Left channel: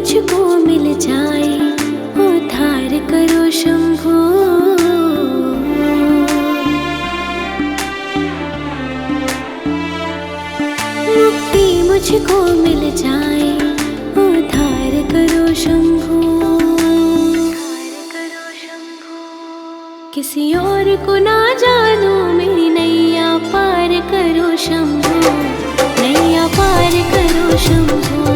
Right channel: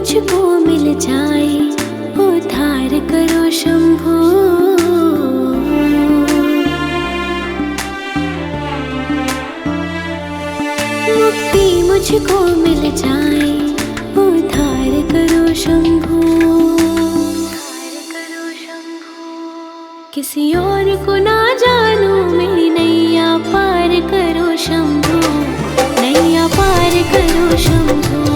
मुझको मिल जाए, उद्धार करो शंभो। मुक्ति मुझको मिल जाए, उद्धार करो शंभो। किसी और को ना जानू, मेरी नैया पार करो शंभो, नैया पार करो शंभो।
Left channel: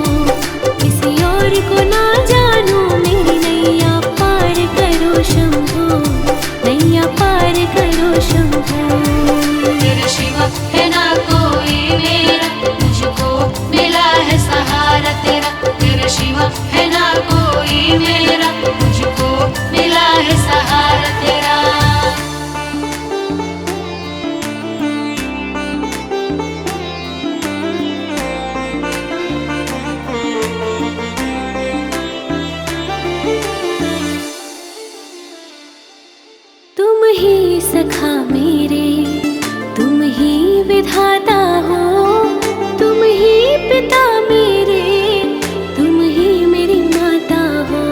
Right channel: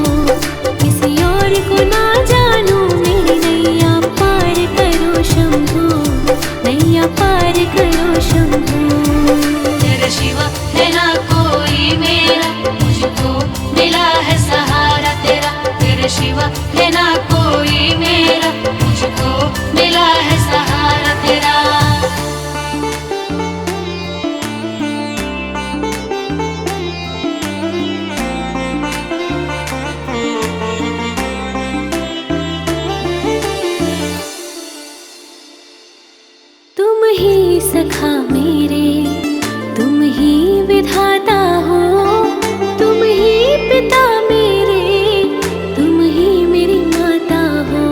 किसी और को ना जानू, मेरी नैया पार करो शंभो, नैया पार करो शंभो। तेरा शिवा है ना कोई मेरा, मुझको मिला है सहारा तेरा। तेरा शिवा है ना कोई मेरा, मुझको मिला है सहारा तेरा। तुम ही सखा मेरे, तुम ही विधाता हो, तुम ही पिता मेरे, तुम ही मेरी माता हो।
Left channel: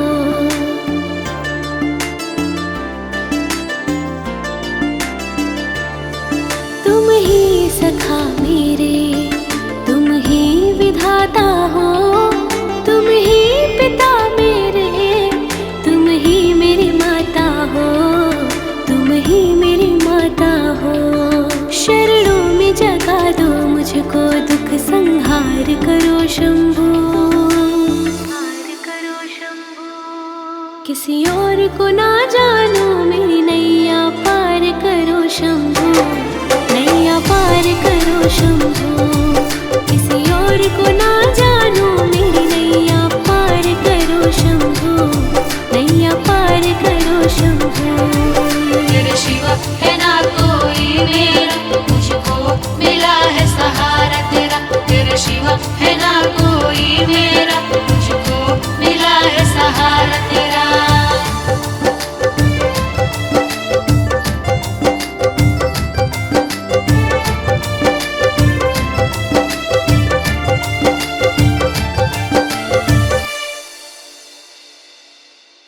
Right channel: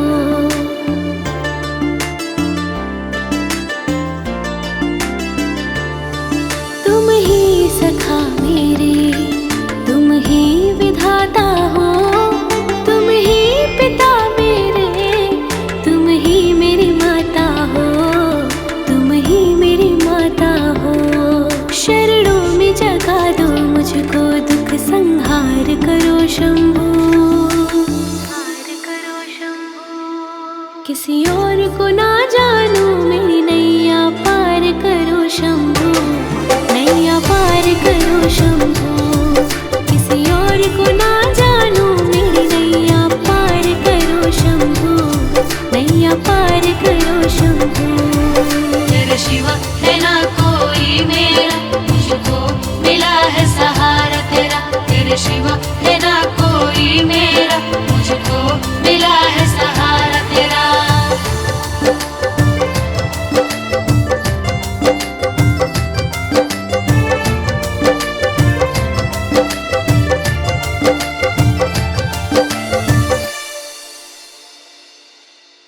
तुम ही सखा मेरे, तुम ही विधाता हो, तुम ही पिता मेरे, तुम ही मेरी माता हो, तुम ही मेरी माता हो। शरणों में जगा दो मुझको, दुख संहार करो शंभो, किसी और को ना जानू, मेरी नैया पार करो शंभो, नैया पार करो शंभो। किसी और को ना जानू, मेरी नैया पार करो शंभो, नैया पार करो शंभो। तेरा शिवा है ना कोई मेरा, मुझको मिला है सहारा तेरा। तेरा शिवा है ना कोई मेरा, मुझको मिला है सहारा तेरा।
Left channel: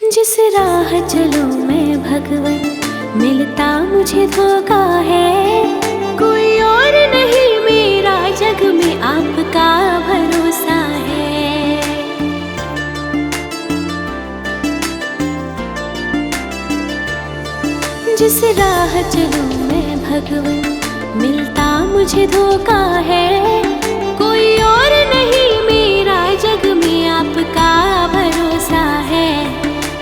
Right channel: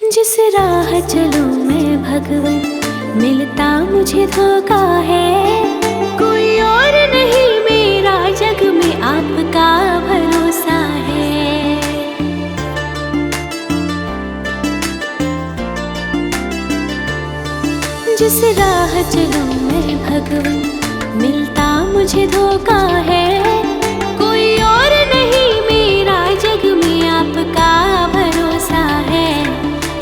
जिस राह चलूं मैं भगवन, मिलता मुझे धोखा है। कोई और नहीं मेरा जग में, आपका भरोसा है। जिस राह चलूं मैं भगवन, मिलता मुझे धोखा है। कोई और नहीं मेरा जग में, आपका भरोसा है,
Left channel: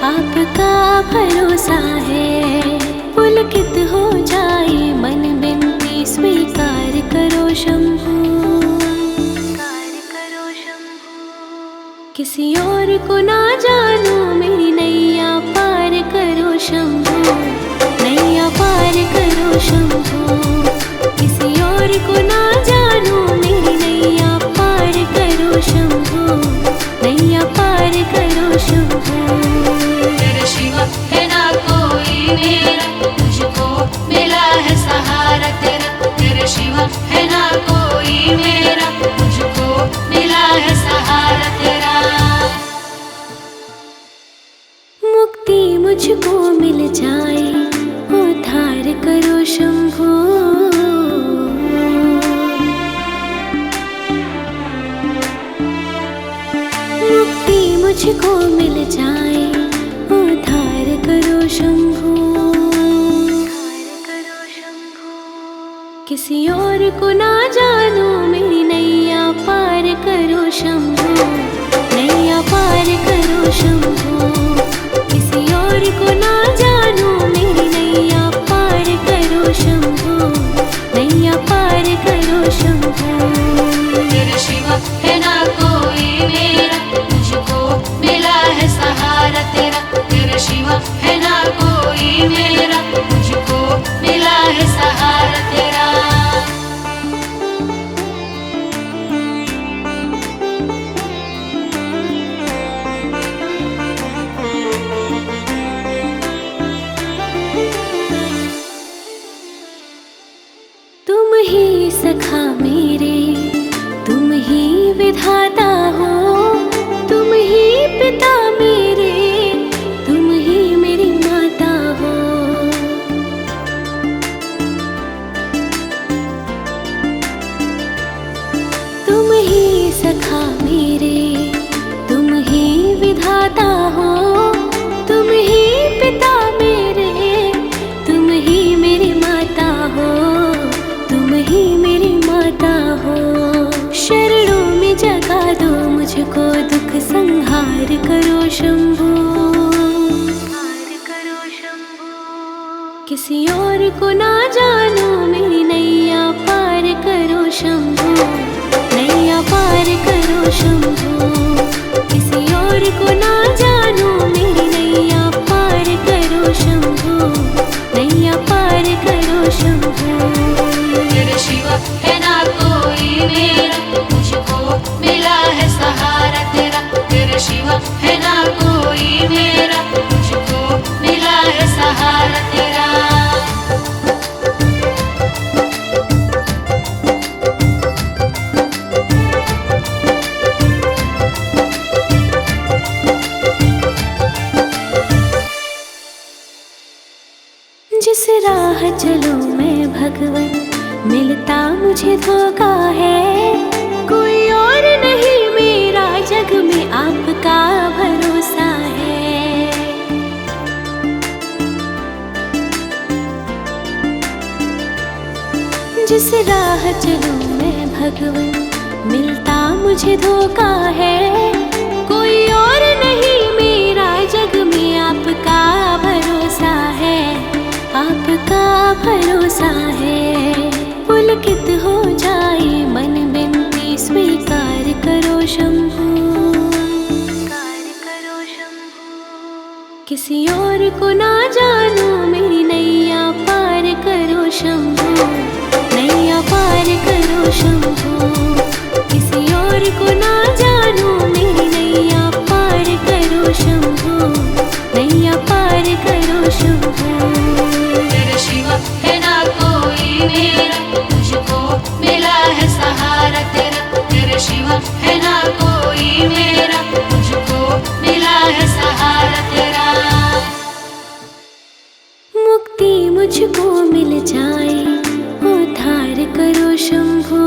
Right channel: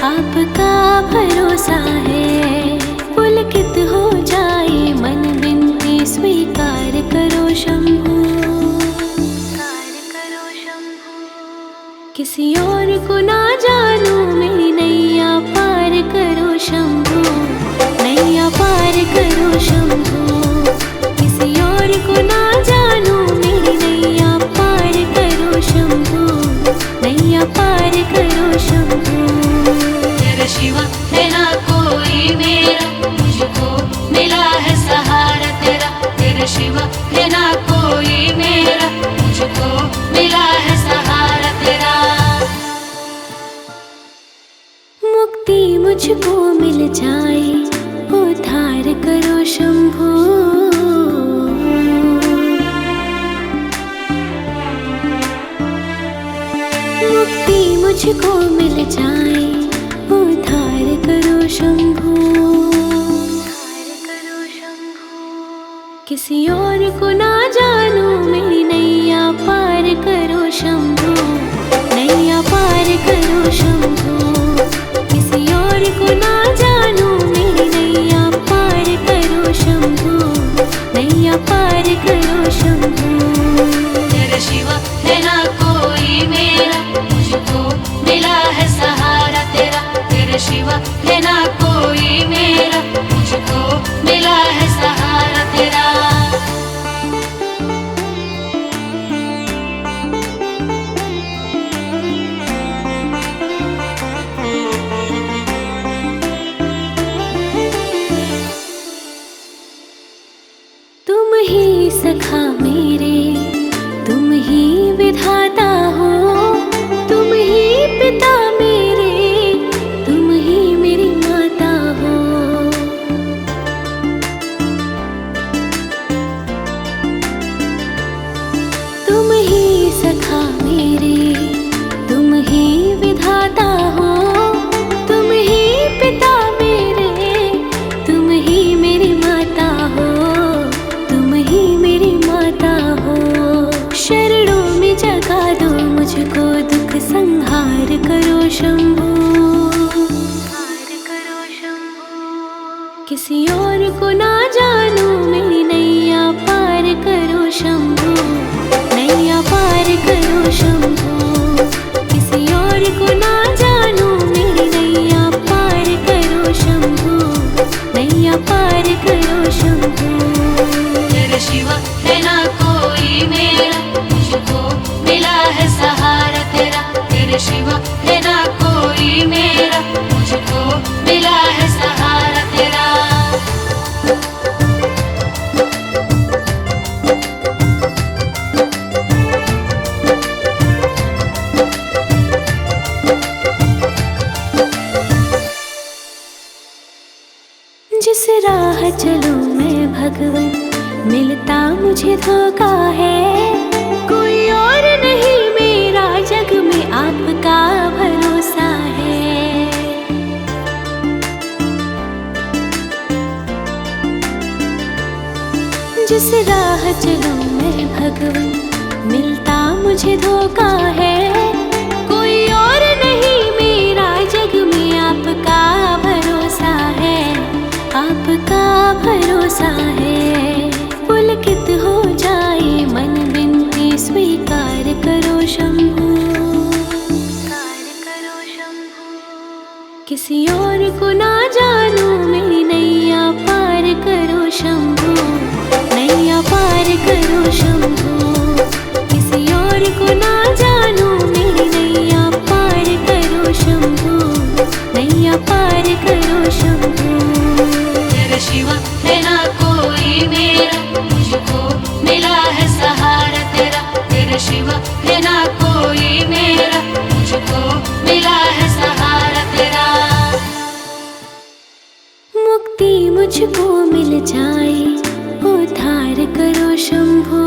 आपका भरोसा है। पुलकित हो जाए मन, बिनती स्वीकार करो शंभो, किसी और को ना जानू, मेरी नैया पार करो शंभो, नैया पार करो शंभो। किसी और को ना जानू, मेरी नैया पार करो शंभो, नैया पार करो शंभो। तेरा शिवा है ना कोई मेरा, मुझको मिला है सहारा तेरा। तेरा शिवा है ना कोई मेरा, मुझको मिला है सहारा तेरा। मुक्ति मुझको मिल जाए, उद्धार करो शंभो। मुक्ति मुझको मिल जाए, उद्धार करो शंभो। किसी और को ना जानू, मेरी नैया पार करो शंभो, नैया पार करो शंभो। किसी और को ना जानू, मेरी नैया पार करो शंभो, नैया पार करो शंभो। तेरा शिवा है ना कोई मेरा, मुझको मिला है सहारा तेरा। तेरा शिवा है ना कोई मेरा, मुझको मिला है सहारा तेरा। सखा मेरे, तुम ही विधाता हो, तुम ही मुझको दुख संहार करो शंभू। किसी और को ना जानू मेरी नैया पार करो शंभू, नैया पार करो शंभू। किसी और को ना जानू मेरी नैया पार करो शंभू, नैया पार करो शंभू। तेरे शिवा है ना कोई मेरा, मुझको मिला है सहारा तेरा। तेरे शिवा है ना कोई मेरा, मुझको मिला है सहारा तेरा। जिस राह चलूं मैं भगवन, मिलता मुझे धोखा है। कोई और नहीं मेरा जग में आपका भरोसा है। जिस राह चलूं मैं भगवन, मिलता मुझे धोखा है। कोई और नहीं मेरा जग में आपका भरोसा है, आपका भरोसा है। पुलकित हो जाए मन बिनती स्वीकार करो शंभू, स्वीकार करो शंभू। किसी और को ना जानू मेरी नैया पार करो शंभू, नैया पार करो शंभू। किसी और को ना जानू मेरी नैया पार करो शंभू, नैया पार करो शंभू। तेरे शिवा है ना कोई मेरा, मुझको मिला है सहारा तेरा। तेरे शिवा है ना कोई मेरा, मुझको मिला है सहारा तेरा। मुक्ति मुझको मिल जाए उद्धार करो शंभू।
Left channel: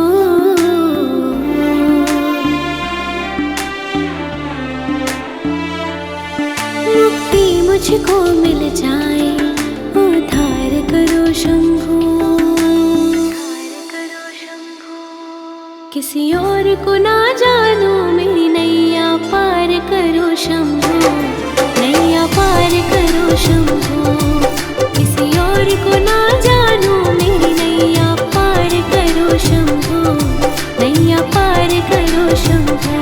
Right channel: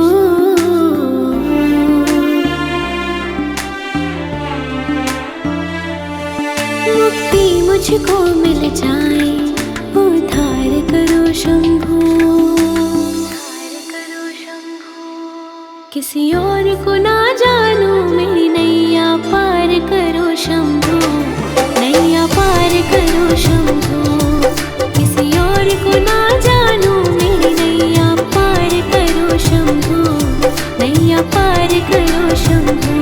मुक्ति मुझको मिल जाए उद्धार करो शंभू, उद्धार करो शंभू। किसी और को ना जानू मेरी नैया पार करो शंभू, नैया पार करो शंभू। किसी और को ना जानू मेरी नैया पार करो शंभू, नैया पार करो शंभू।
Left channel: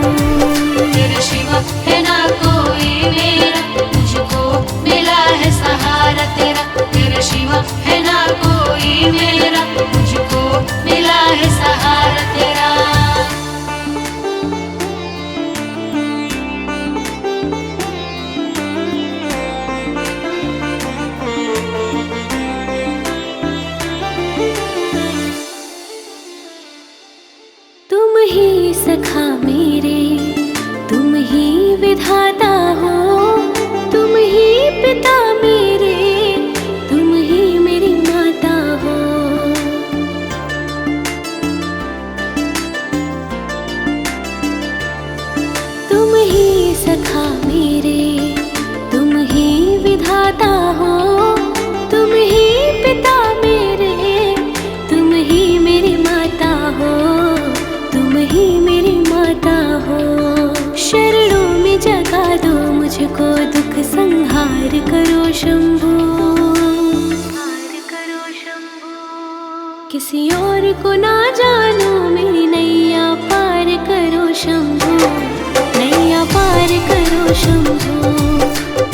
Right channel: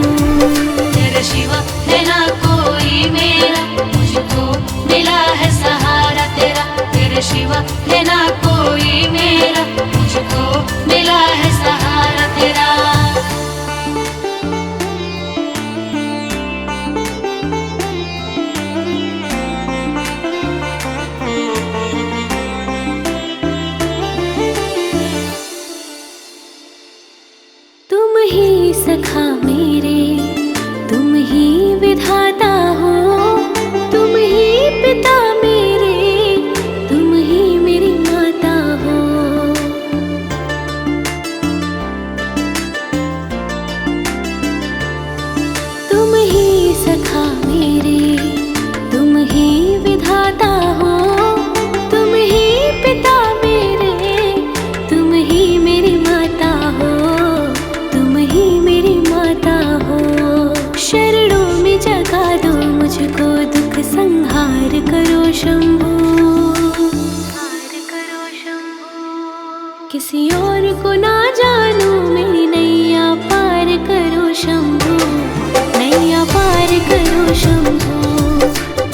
तेरे शिवा है ना कोई मेरा, मुझको मिला है सहारा तेरा। तेरे शिवा है ना कोई मेरा, मुझको मिला है सहारा तेरा। तुम ही सखा मेरे, तुम ही विधाता हो। तुम ही पिता मेरे, तुम ही मेरी माता हो। तुम ही सखा मेरे, तुम ही विधाता हो। तुम ही पिता मेरे, तुम ही मेरी माता हो, तुम ही मेरी माता हो। शरणों में जगा दो मुझको, दुख संहार करो शंभू, संहार करो शंभू। किसी और को ना जानू मेरी नैया पार करो शंभू, नैया पार करो शंभू।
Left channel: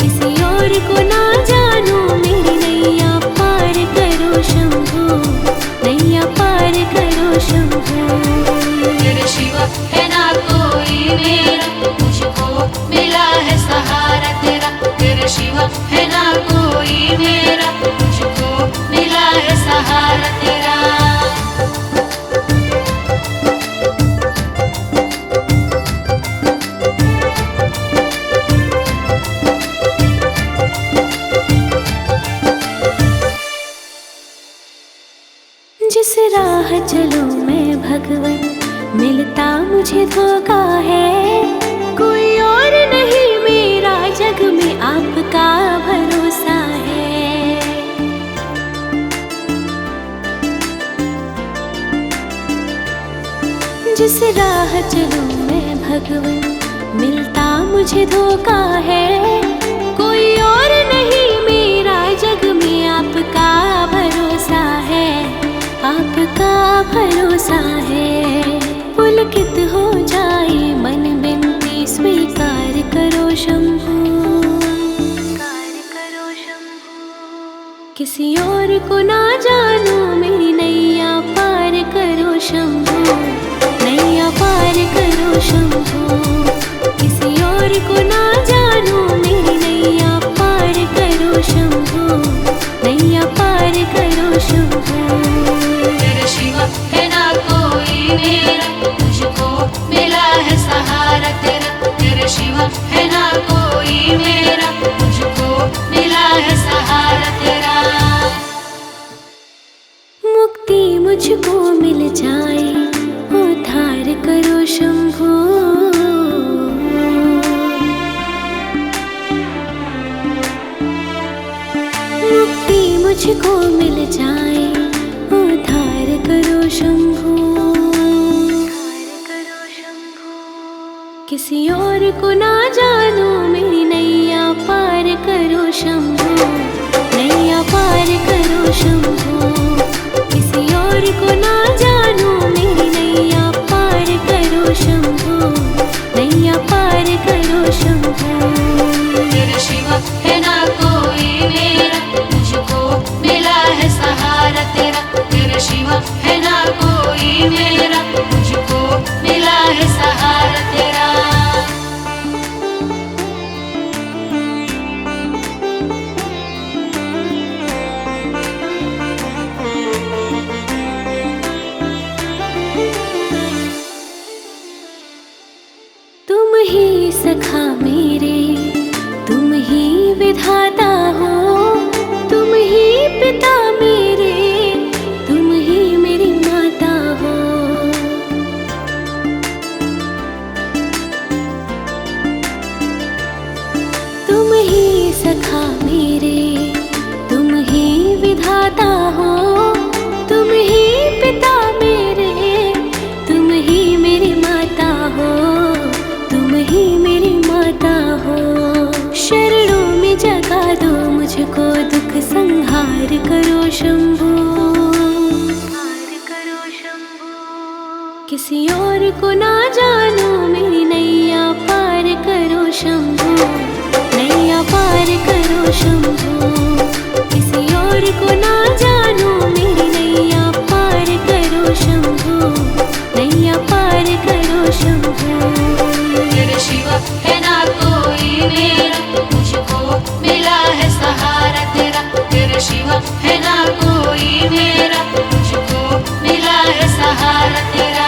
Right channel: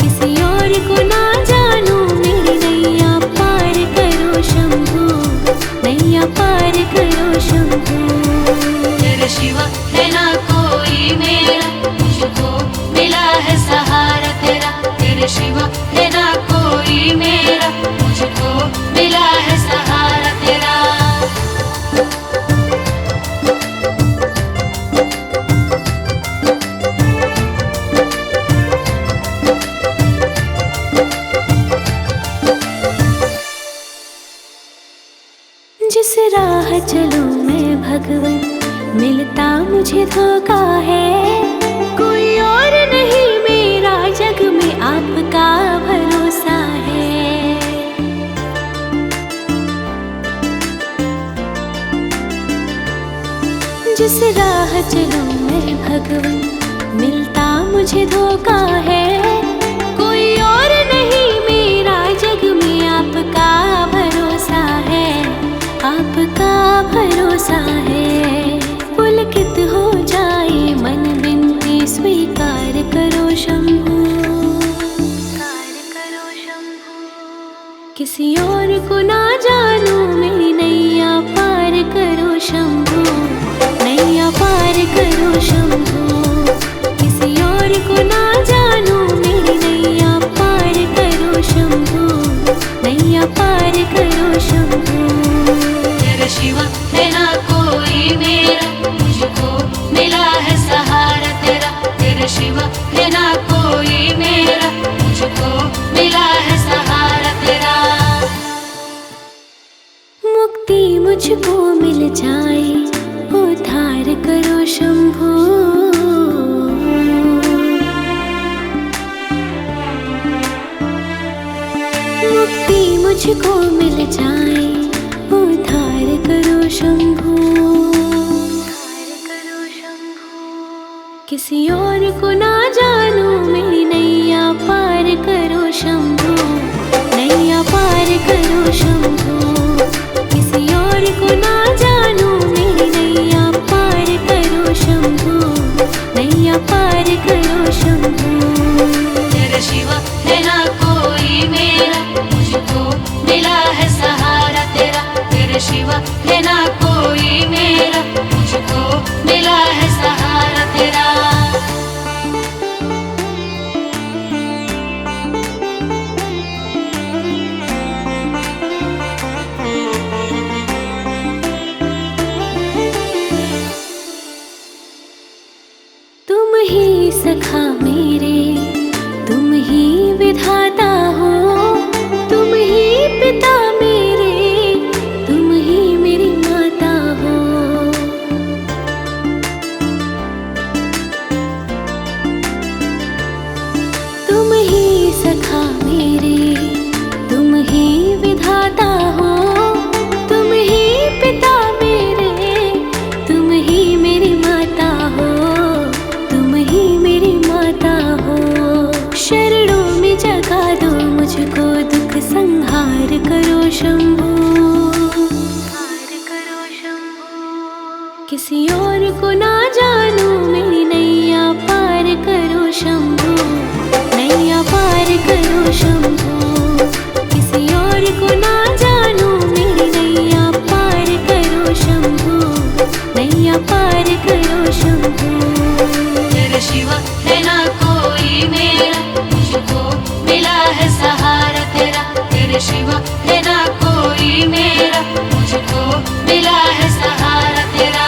किसी और को ना जानू मेरी नैया पार करो शंभू, नैया पार करो शंभू। तेरे शिवा है ना कोई मेरा, मुझको मिला है सहारा तेरा। तेरे शिवा है ना कोई मेरा, मुझको मिला है सहारा तेरा। जिस राह चलूं मैं भगवन, मिलता मुझे धोखा है। कोई और नहीं मेरा जग में आपका भरोसा है। जिस राह चलूं मैं भगवन, मिलता मुझे धोखा है। कोई और नहीं मेरा जग में, आपका भरोसा है, आपका भरोसा है। पुलकित हो जाए मन बिनती स्वीकार करो शंभू, किसी और को ना जानू मेरी नैया पार करो शंभू, नैया पार करो शंभू। किसी और को ना जानू मेरी नैया पार करो शंभू, नैया पार करो शंभू। तेरे शिवा है ना कोई मेरा, मुझको मिला है सहारा तेरा। तेरे शिवा है ना कोई मेरा, मुझको मिला है सहारा तेरा। मुक्ति मुझको मिल जाए, उद्धार करो शंभू। मुक्ति मुझको मिल जाए, उद्धार करो शंभू। किसी और को ना जानू मेरी नैया पार करो शंभू, नैया पार करो शंभू। किसी और को ना जानू मेरी नैया पार करो शंभू, नैया पार करो शंभू। तेरे शिवा है ना कोई मेरा, मुझको मिला है सहारा तेरा। तेरे शिवा है ना कोई मेरा, मुझको मिला है सहारा तेरा। तुम ही सखा मेरे, तुम ही विधाता हो, तुम ही पिता मेरे, तुम ही मेरी माता हो। तुम ही सखा मेरे, तुम ही विधाता हो, तुम ही पिता मेरे, तुम ही मेरी माता हो, तुम ही मेरी माता हो। शरणों में जगा दो मुझको, दुख संहार करो शंभू, किसी और को ना जानू मेरी नैया पार करो शंभू, नैया पार करो शंभू। किसी और को ना जानू मेरी नैया पार करो शंभू, नैया पार करो शंभू। तेरे शिवा है ना कोई मेरा, मुझको मिला है सहारा तेरा। तेरे शिवा है ना कोई मेरा, मुझको मिला है सहारा तेरा।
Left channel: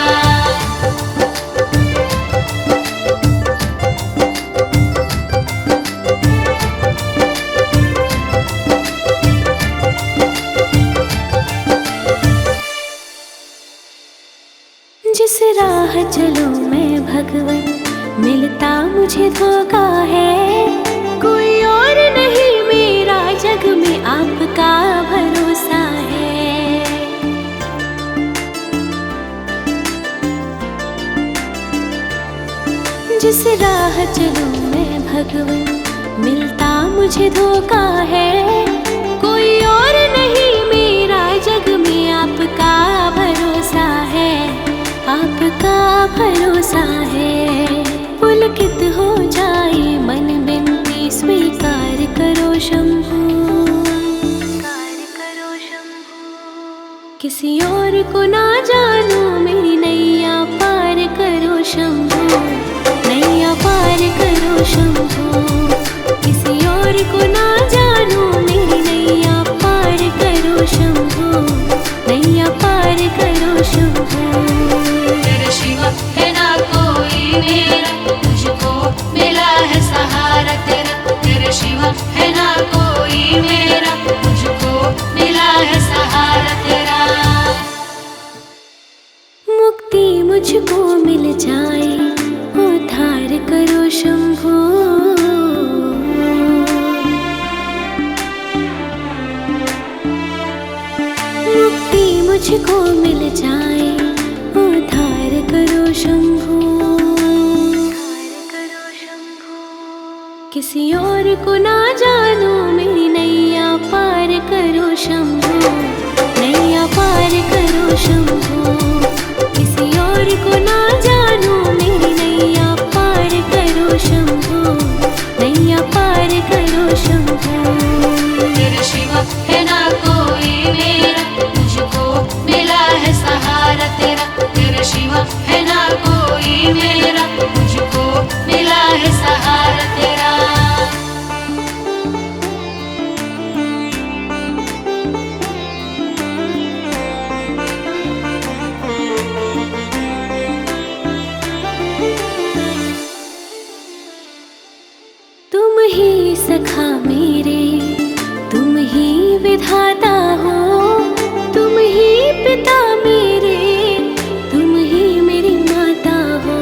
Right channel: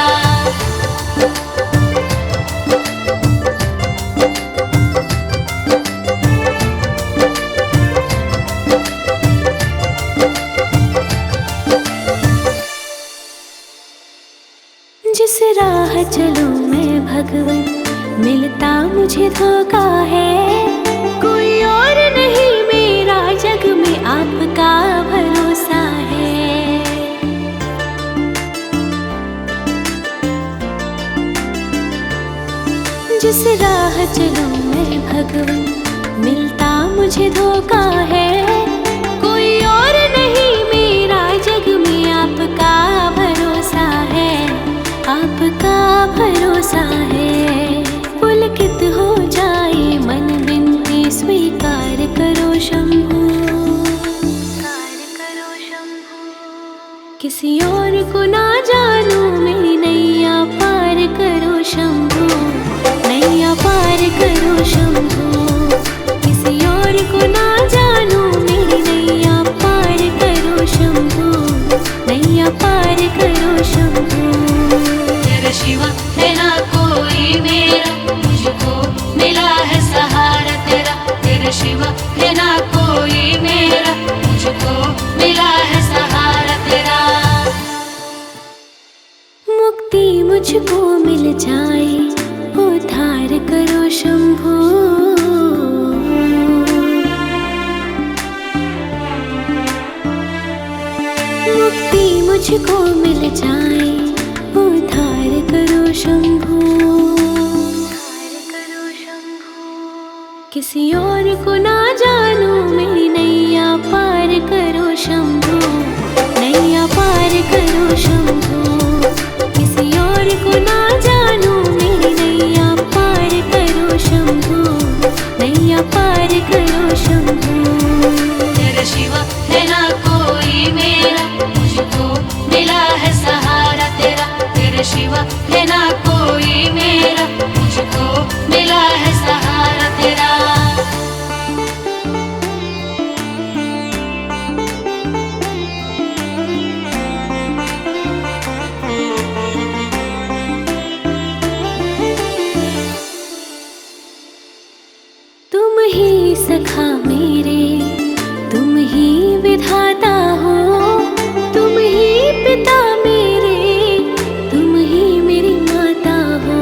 जिस राह चलूं मैं भगवन, मिलता मुझे धोखा है। कोई और नहीं मेरा जग में, आपका भरोसा है। जिस राह चलूं मैं भगवन, मिलता मुझे धोखा है। कोई और नहीं मेरा जग में, आपका भरोसा है, आपका भरोसा है। पुलकित हो जाए मन बिनती स्वीकार करो शंभू, किसी और को ना जानू मेरी नैया पार करो शंभू, नैया पार करो शंभू। किसी और को ना जानू मेरी नैया पार करो शंभू, नैया पार करो शंभू। तेरे शिवा है ना कोई मेरा, मुझको मिला है सहारा तेरा। तेरे शिवा है ना कोई मेरा, मुझको मिला है सहारा तेरा। मुक्ति मुझको मिल जाए, उद्धार करो शंभू। मुक्ति मुझको मिल जाए, उद्धार करो शंभू। किसी और को ना जानू मेरी नैया पार करो शंभू, नैया पार करो शंभू। किसी और को ना जानू मेरी नैया पार करो शंभू, नैया पार करो शंभू। तेरे शिवा है ना कोई मेरा, मुझको मिला है सहारा तेरा। तेरे शिवा है ना कोई मेरा, मुझको मिला है सहारा तेरा। तुम ही सखा मेरे, तुम ही विधाता हो, तुम ही पिता मेरे, तुम ही मेरी माता हो।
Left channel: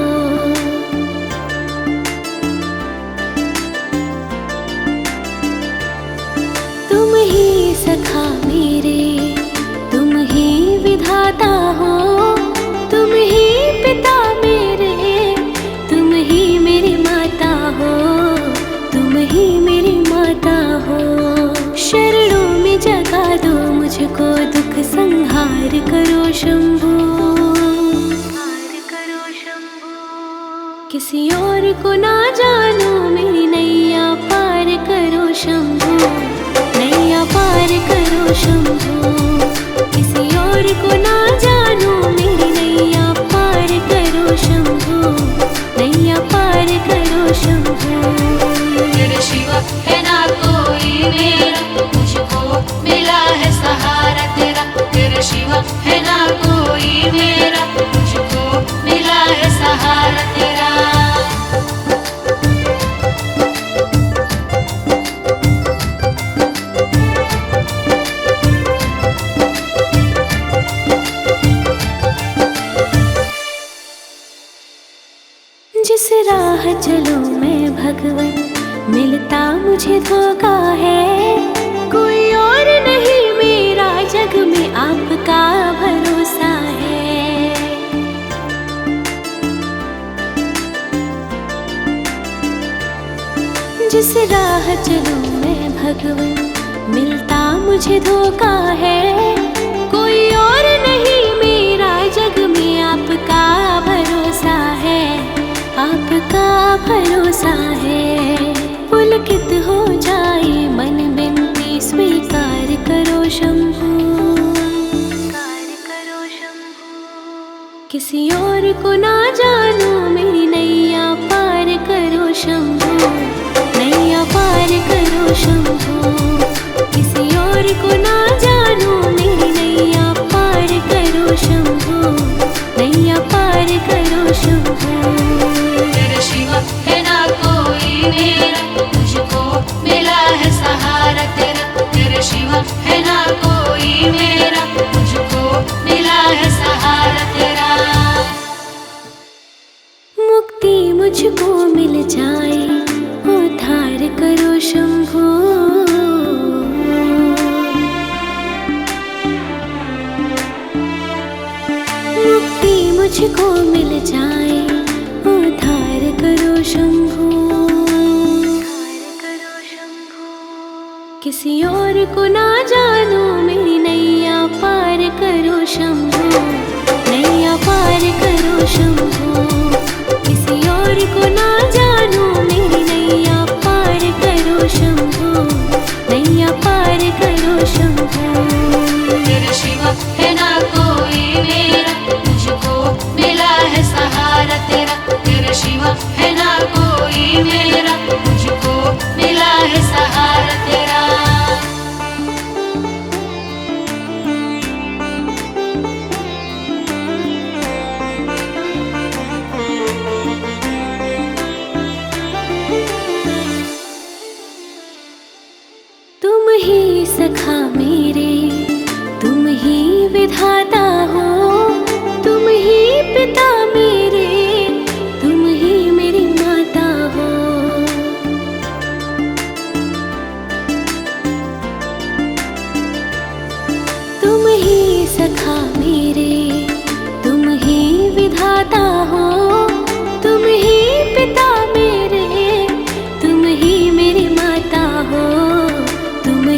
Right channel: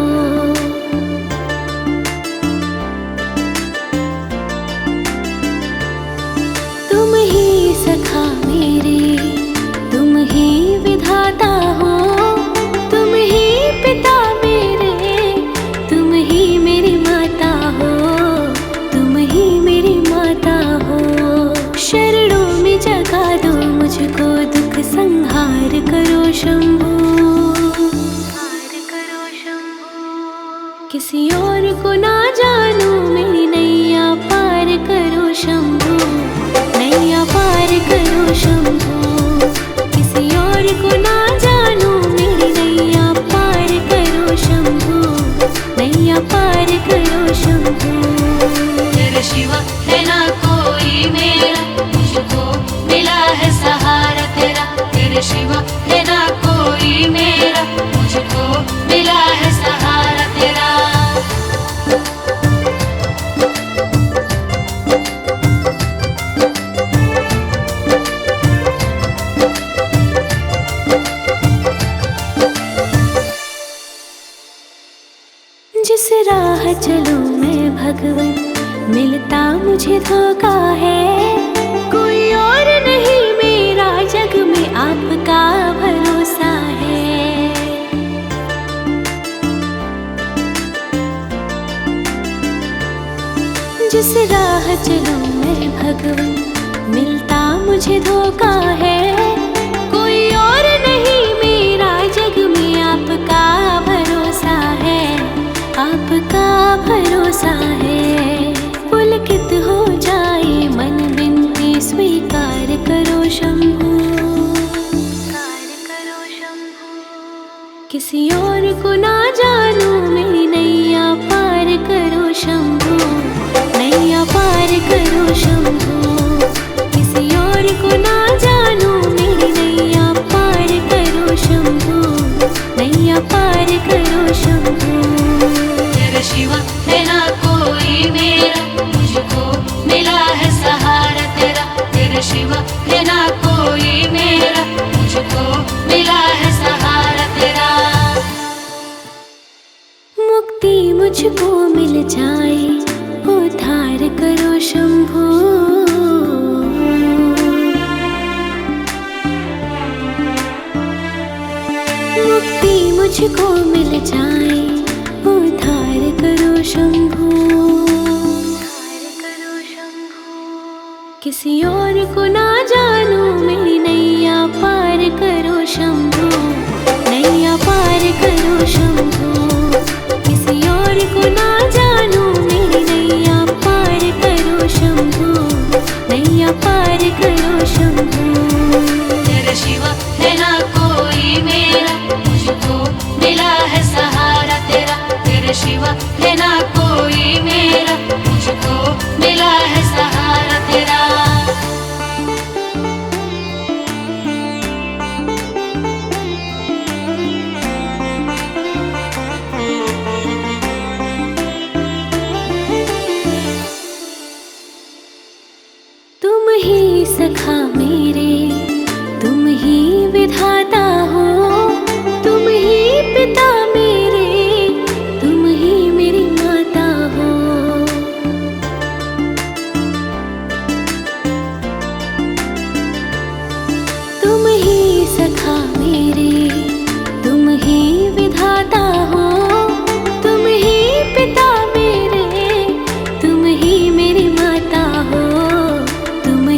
तुम ही सखा मेरे, तुम ही विधाता हो, तुम ही पिता मेरे, तुम ही मेरी माता हो, तुम ही मेरी माता हो। शरणों में जगा दो मुझको, दुख संहार करो शंभू, हार करो शंभू। किसी और को ना जानू मेरी नैया पार करो शंभू, नैया पार करो शंभू। किसी और को ना जानू मेरी नैया पार करो शंभू, नैया पार करो शंभू। तेरे शिवा है ना कोई मेरा, मुझको मिला है सहारा तेरा। तेरे शिवा है ना कोई मेरा, मुझको मिला है सहारा तेरा। जिस राह चलूं मैं भगवन, मिलता मुझे धोखा है। कोई और नहीं मेरा जग में आपका भरोसा है। जिस राह चलूं मैं भगवन, मिलता मुझे धोखा है। कोई और नहीं मेरा जग में आपका भरोसा है, आपका भरोसा है। पुलकित हो जाए मन बिनती स्वीकार करो शंभू, स्वीकार करो शंभू। किसी और को ना जानू मेरी नैया पार करो शंभू, नैया पार करो शंभू। किसी और को ना जानू मेरी नैया पार करो शंभू, नैया पार करो शंभू। तेरे शिवा है ना कोई मेरा, मुझको मिला है सहारा तेरा। तेरे शिवा है ना कोई मेरा, मुझको मिला है सहारा तेरा। मुक्ति मुझको मिल जाए, उद्धार करो शंभू। मुक्ति मुझको मिल जाए, उद्धार करो शंभू, उद्धार करो शंभू। किसी और को ना जानू मेरी नैया पार करो शंभू, नैया पार करो शंभू। किसी और को ना जानू मेरी नैया पार करो शंभू, नैया पार करो शंभू। तेरे शिवा है ना कोई मेरा, मुझको मिला है सहारा तेरा। तेरे शिवा है ना कोई मेरा, मुझको मिला है सहारा तेरा। तुम ही सखा मेरे, तुम ही विधाता हो, तुम ही पिता मेरे, तुम ही मेरी माता हो। तुम ही सखा मेरे, तुम ही विधाता हो, तुम ही पिता मेरे, तुम ही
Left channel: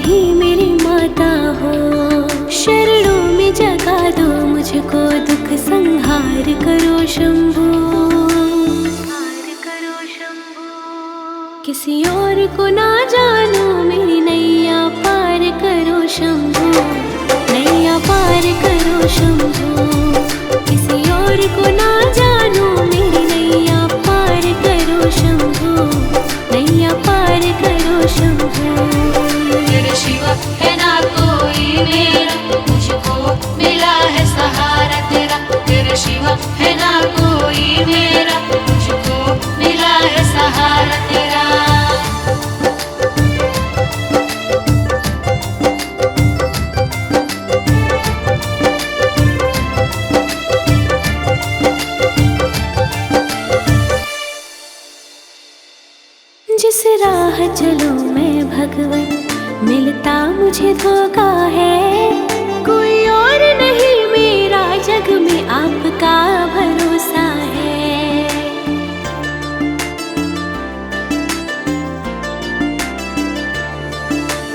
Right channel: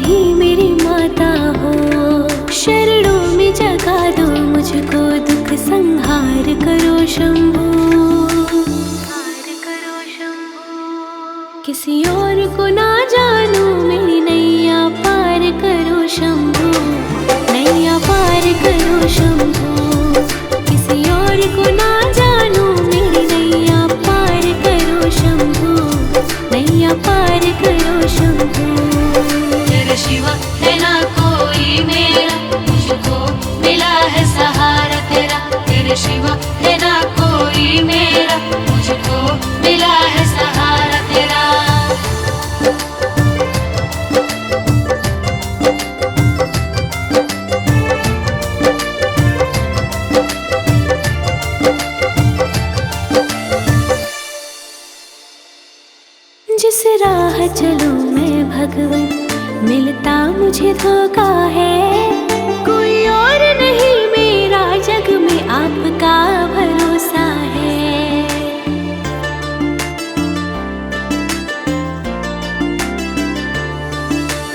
ही मेरी माता हो। शरणों में जगा दो मुझको, दुख संहार करो शंभू। किसी और को ना जानू, मेरी नैया पार करो शंभू। नैया पार करो शंभू। किसी और को ना जानू, मेरी नैया पार करो शंभू। नैया पार करो शंभू। तेरे शिवा है ना कोई मेरा, मुझको मिला है सहारा तेरा। तेरे शिवा है ना कोई मेरा, मुझको मिला है सहारा तेरा। जिस राह चलूं मैं भगवन, मिलता मुझे धोखा है। कोई और नहीं मेरा जग में, आपका भरोसा है।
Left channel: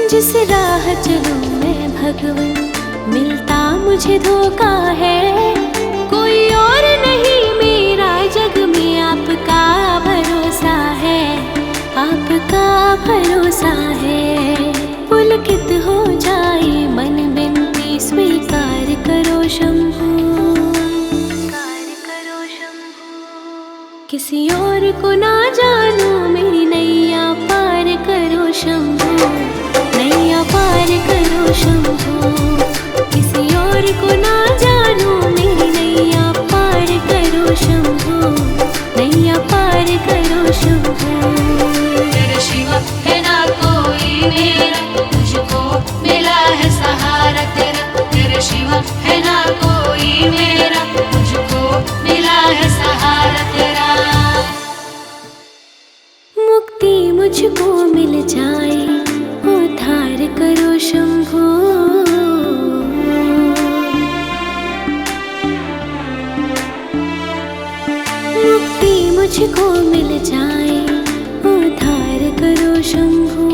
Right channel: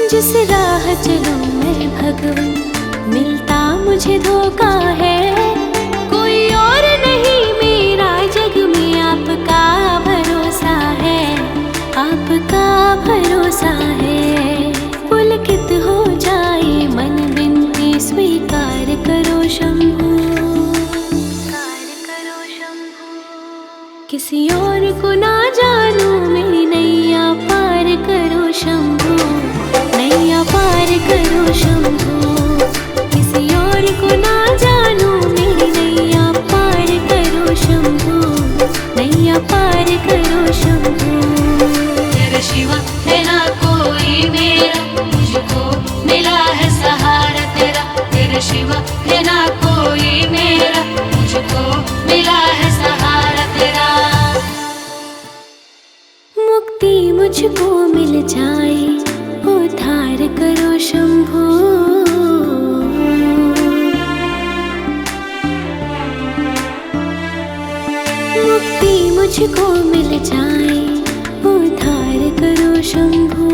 जिस राह चलूं मैं भगवन, मिलता मुझे धोखा है। कोई और नहीं मेरा जग में, आपका भरोसा है। आपका भरोसा है। पुलकित हो जाए मन, बिनती स्वीकार करो शंभू। किसी और को ना जानू, मेरी नैया पार करो शंभू। नैया पार करो शंभू। किसी और को ना जानू, मेरी नैया पार करो शंभू। नैया पार करो शंभू। शिवा है ना कोई मेरा, मुझको मिला है सहारा तेरा। तेरे शिवा है ना कोई मेरा, मुझको मिला है सहारा तेरा। मुक्ति मुझको मिल जाए, उद्धार करो शंभू। मुक्ति मुझको मिल जाए, उद्धार करो शंभू।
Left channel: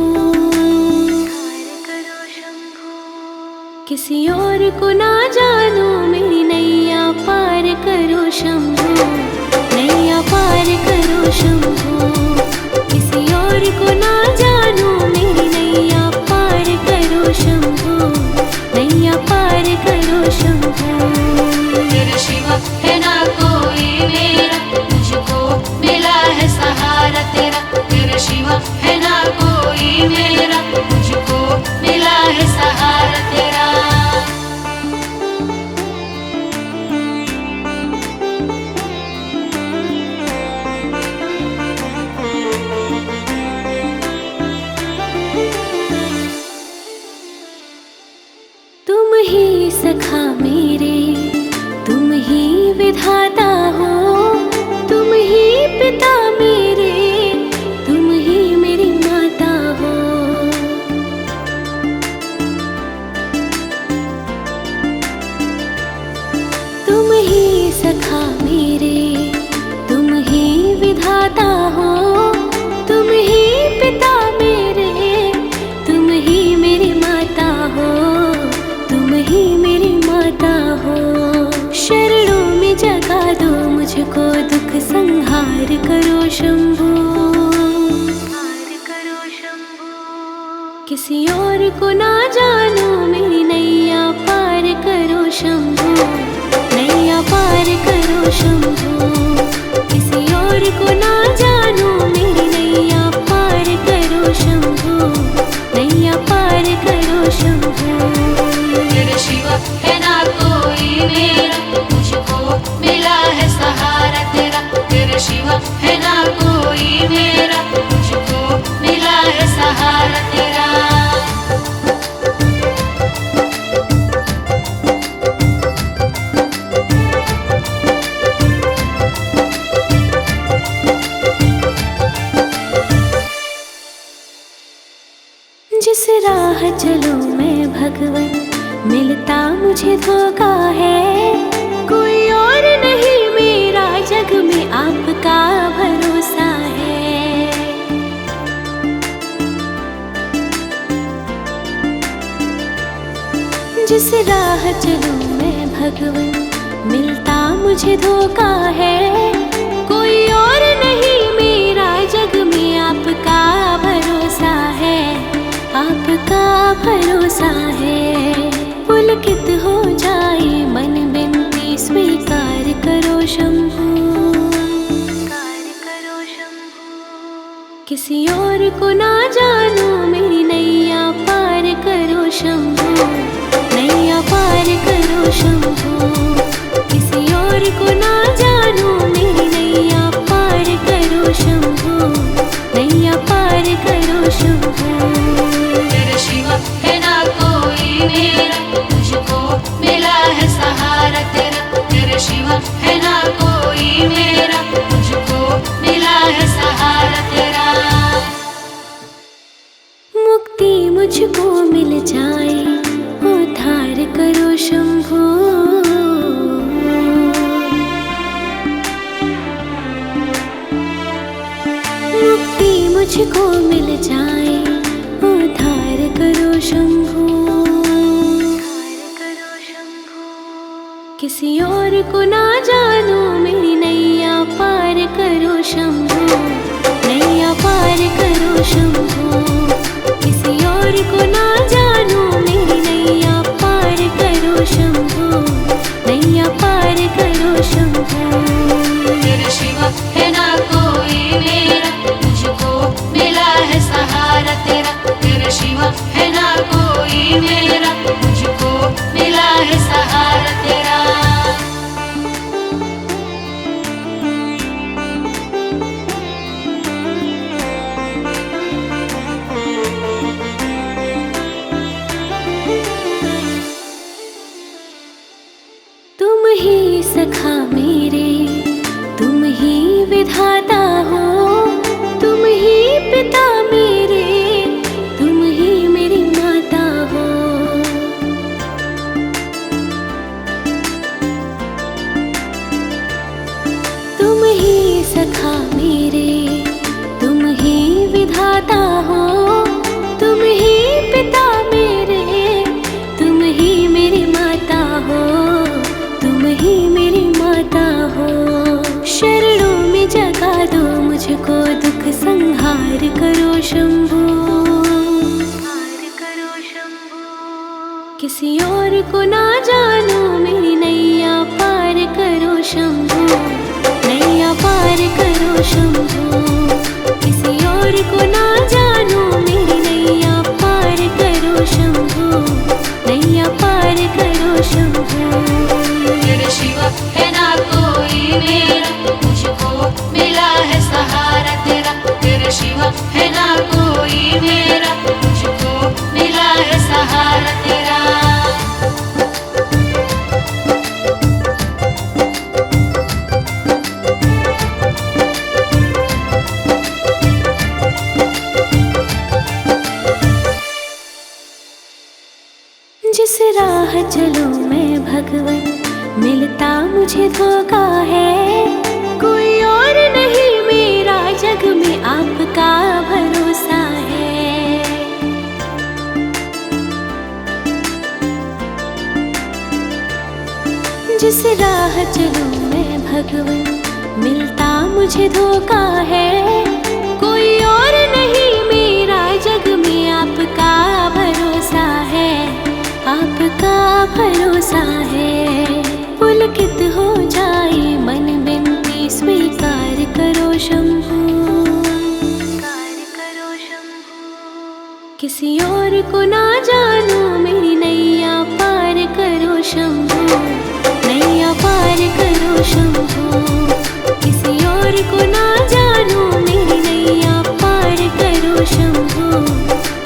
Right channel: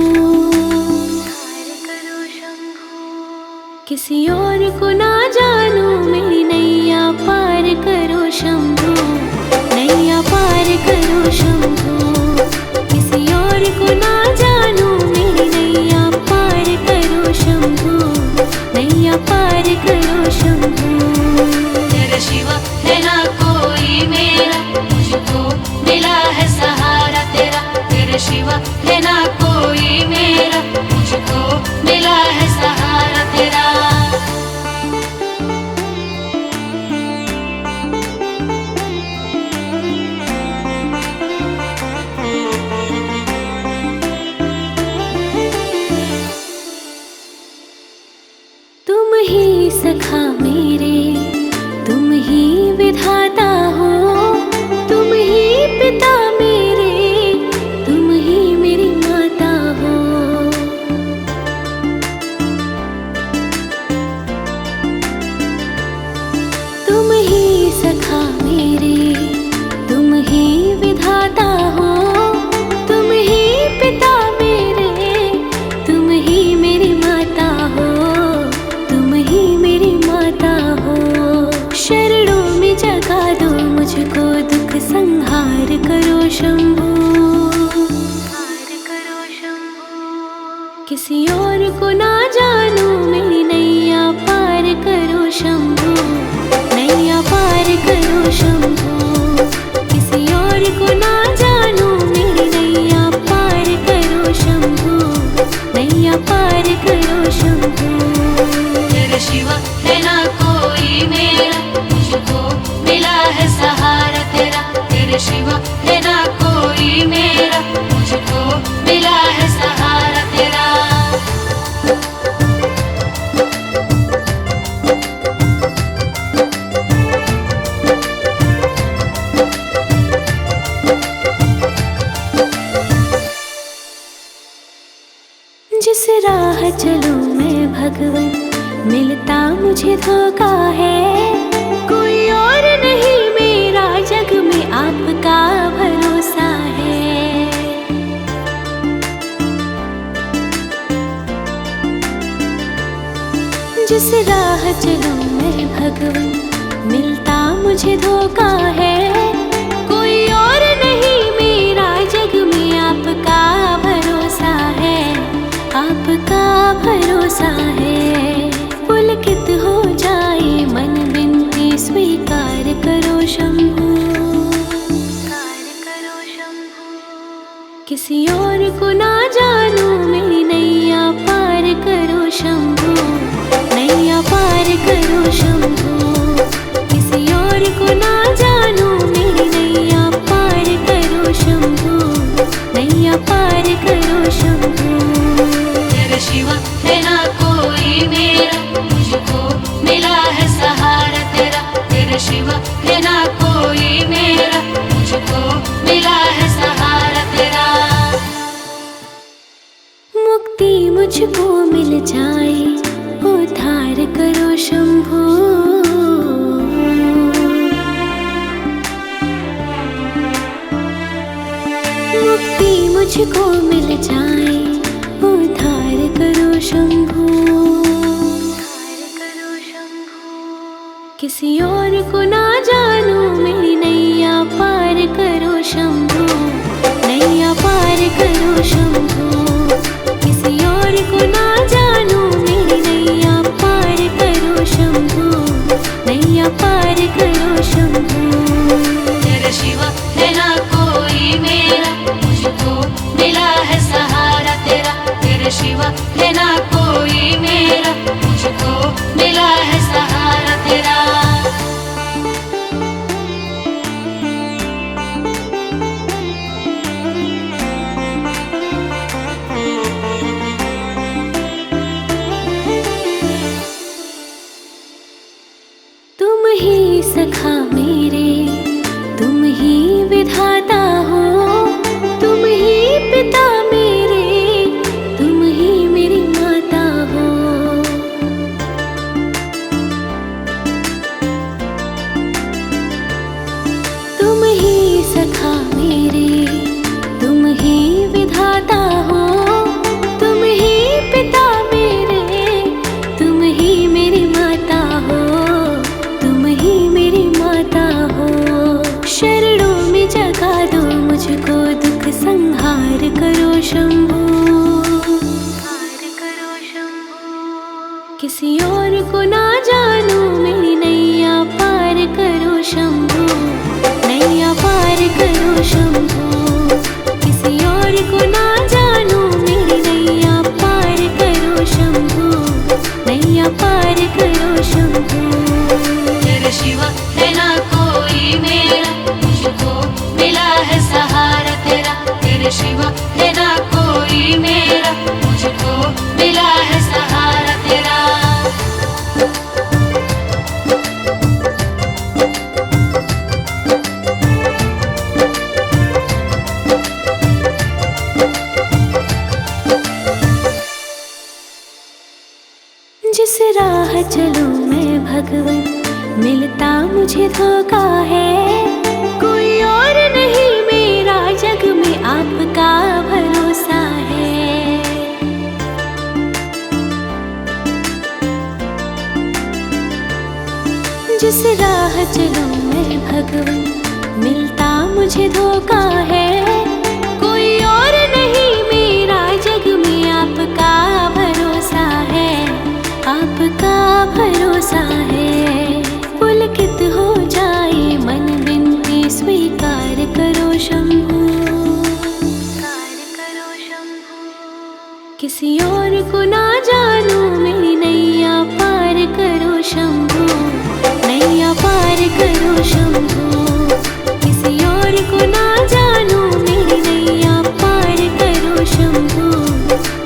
किसी और को ना जानू, मेरी नैया पार करो शंभू। नैया पार करो शंभू। किसी और को ना जानू, मेरी नैया पार करो शंभू। नैया पार करो शंभू। तेरे शिवा है ना कोई मेरा, मुझको मिला है सहारा तेरा। तेरे शिवा है ना कोई मेरा, मुझको मिला है सहारा तेरा। तुम ही सखा मेरे, तुम ही विधाता हो। तुम ही पिता मेरे, तुम ही मेरी माता हो। तुम ही सखा मेरे, तुम ही विधाता हो। तुम ही पिता मेरे, तुम ही मेरी माता हो। तुम ही मेरी माता हो। शरणों में जगा दो मुझको, दुख संहार करो शंभू। किसी और को ना जानू, मेरी नैया पार करो शंभू। नैया पार करो शंभू। किसी और को ना जानू, मेरी नैया पार करो शंभू। नैया पार करो शंभू। तेरे शिवा है ना कोई मेरा, मुझको मिला है सहारा तेरा। तेरे शिवा है ना कोई मेरा, मुझको मिला है सहारा तेरा। जिस राह चलूं मैं भगवन, मिलता मुझे धोखा है। कोई और नहीं मेरा जग में, आपका भरोसा है। जिस राह चलूं मैं भगवन, मिलता मुझे धोखा है। कोई और नहीं मेरा जग में, आपका भरोसा है, आपका भरोसा है। पुलकित हो जाए मन, बिनती स्वीकार करो शंभू, किसी और को ना जानूं मेरी नैया पार करो शंभू, नैया पार करो शंभू। किसी और को ना जानूं मेरी नैया पार करो शंभू, नैया पार करो शंभू। तेरे शिवा है ना कोई मेरा, मुझको मिला है सहारा तेरा। तेरे शिवा है ना कोई मेरा, मुझको मिला है सहारा तेरा। मुक्ति मुझको मिल जाए, उद्धार करो शंभू। मुक्ति मुझको मिल जाए, उद्धार करो शंभू। किसी और को ना जानूं मेरी नैया पार करो शंभू, नैया पार करो शंभू। किसी और को ना जानूं मेरी नैया पार करो शंभू, नैया पार करो शंभू। तेरे शिवा है ना कोई मेरा, मुझको मिला है सहारा तेरा। तेरे शिवा है ना कोई मेरा, मुझको मिला है सहारा तेरा। तुम ही सखा मेरे, तुम ही विधाता हो, तुम ही पिता मेरे, तुम ही मेरी माता हो। तुम ही सखा मेरे, तुम ही विधाता हो, तुम ही पिता मेरे, तुम ही मेरी माता हो, तुम ही मेरी माता हो। शरणों में जगा दो मुझको, दुख संहार करो शंभू, किसी और को ना जानूं मेरी नैया पार करो शंभू, नैया पार करो शंभू। किसी और को ना जानूं मेरी नैया पार करो शंभू, नैया पार करो शंभू। तेरे शिवा है ना कोई मेरा, मुझको मिला है सहारा तेरा। तेरे शिवा है ना कोई मेरा, मुझको मिला है सहारा तेरा। जिस राह चलूं मैं भगवन, मिलता मुझे धोखा है। कोई और नहीं मेरा जग में, आपका भरोसा है। जिस राह चलूं मैं भगवन, मिलता मुझे धोखा है। कोई और नहीं मेरा जग में, आपका भरोसा है, आपका भरोसा है। पुलकित हो जाए मन, बिनती स्वीकार करो शंभू, किसी और को ना जानूं मेरी नैया पार करो शंभू, नैया पार करो शंभू। किसी और को ना जानूं मेरी नैया पार करो शंभू,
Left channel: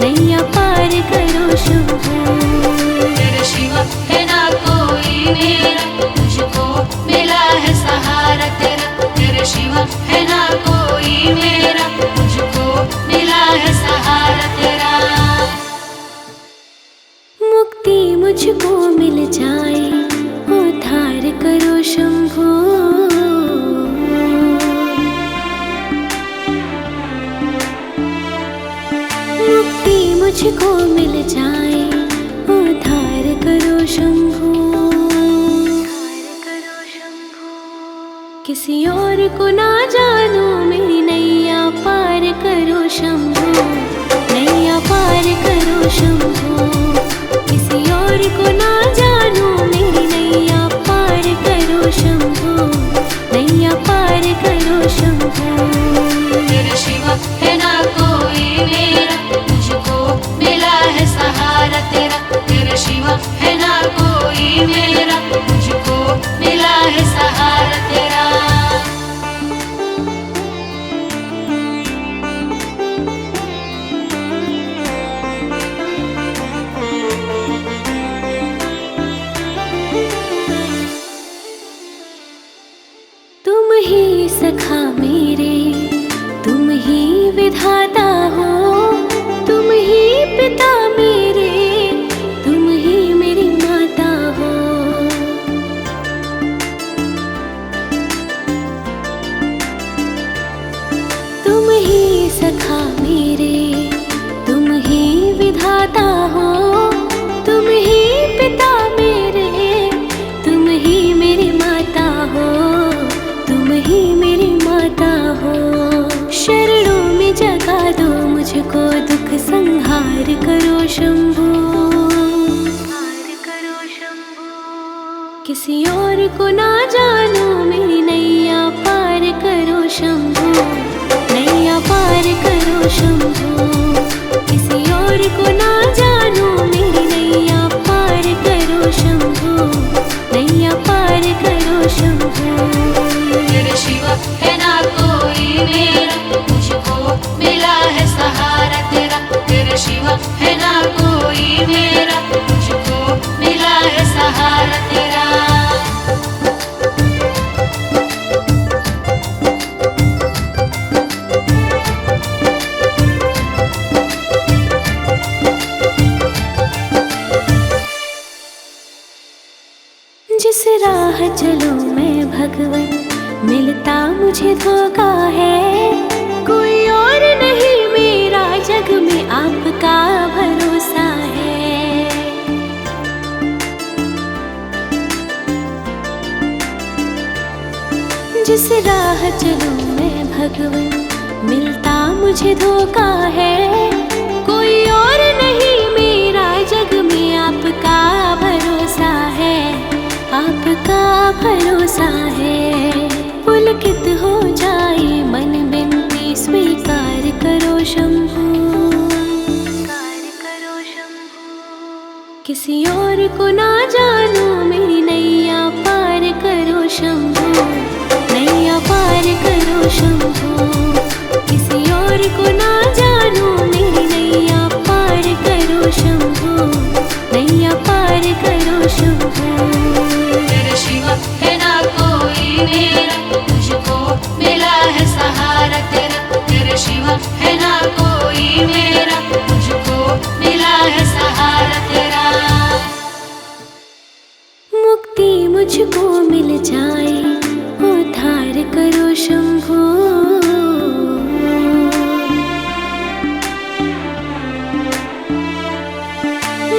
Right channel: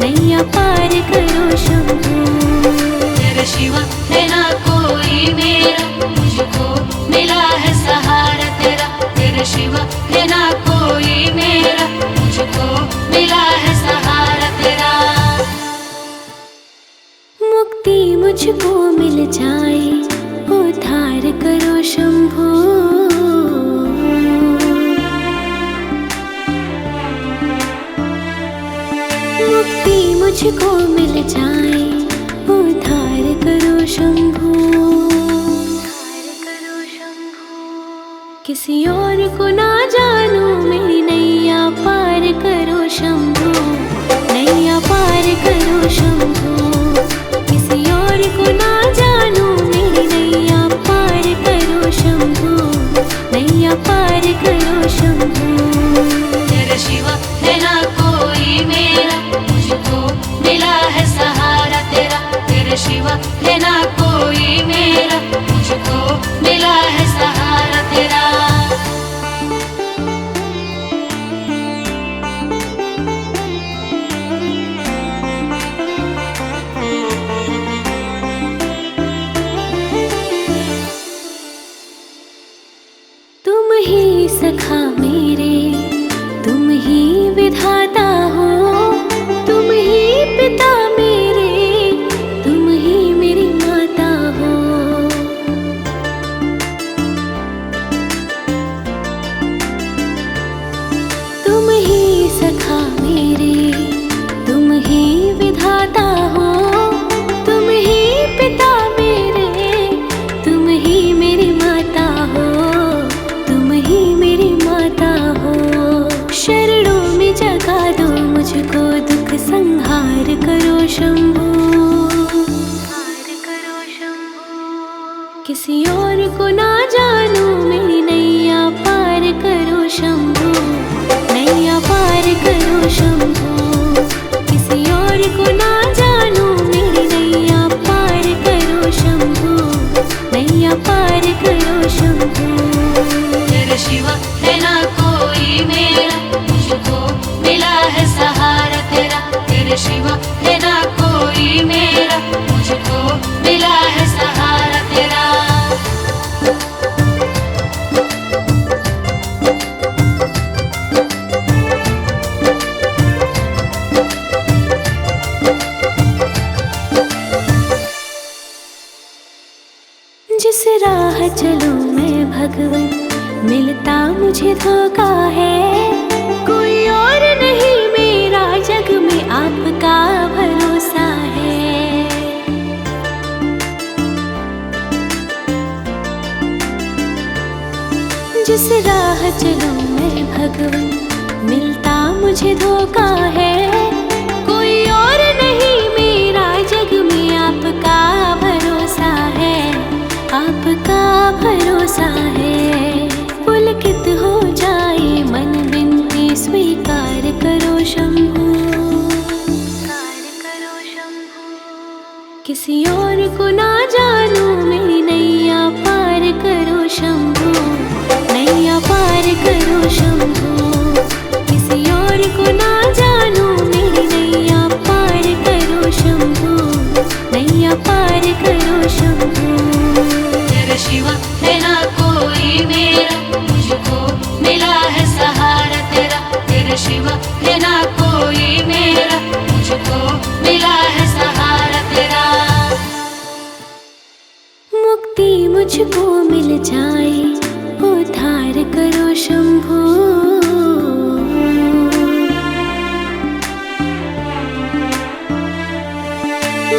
नैया पार करो शंभू। तेरे शिवा है ना कोई मेरा, मुझको मिला है सहारा तेरा। तेरे शिवा है ना कोई मेरा, मुझको मिला है सहारा तेरा। मुक्ति मुझको मिल जाए, उद्धार करो शंभू। मुक्ति मुझको मिल जाए, उद्धार करो शंभू, किसी और को ना जानू मेरी नैया पार करो शंभू, नैया पार करो शंभू, किसी और को ना जानू मेरी नैया पार करो शंभू, नैया पार करो शंभू। तेरे शिवा है ना कोई मेरा, मुझको मिला है सहारा तेरा। तेरे शिवा है ना कोई मेरा, मुझको मिला है सहारा तेरा। तुम ही सखा मेरे, तुम ही विधाता हो, तुम ही पिता मेरे, तुम ही मेरी माता हो। तुम ही सखा मेरे, तुम ही विधाता हो, तुम ही पिता मेरे, तुम ही मेरी माता हो, तुम ही मेरी माता हो। शरणों में जगा दो मुझको, दुख संहार करो शंभू, किसी और को ना जानू मेरी नैया पार करो शंभू, नैया पार करो शंभू, किसी और को ना जानू मेरी नैया पार करो शंभू, नैया पार करो शंभू। तेरे शिवा है ना कोई मेरा, मुझको मिला है सहारा तेरा। तेरे शिवा है ना कोई मेरा, मुझको मिला है सहारा तेरा। जिस राह चलूं मैं भगवन, मिलता मुझे धोखा है, कोई और नहीं मेरा जग में आपका भरोसा है। जिस राह चलूं मैं भगवन, मिलता मुझे धोखा है, कोई और नहीं मेरा जग में आपका भरोसा है, आपका भरोसा है। पुलकित हो जाए मन बिनती स्वीकार करो शंभू, किसी और को ना जानू मेरी नैया पार करो शंभू, नैया पार करो शंभू, किसी और को ना जानू मेरी नैया पार करो शंभू, नैया पार करो शंभू। तेरे शिवा है ना कोई मेरा, मुझको मिला है सहारा तेरा। तेरे शिवा है ना कोई मेरा, मुझको मिला है सहारा तेरा। मुक्ति मुझको मिल जाए, उद्धार करो शंभू,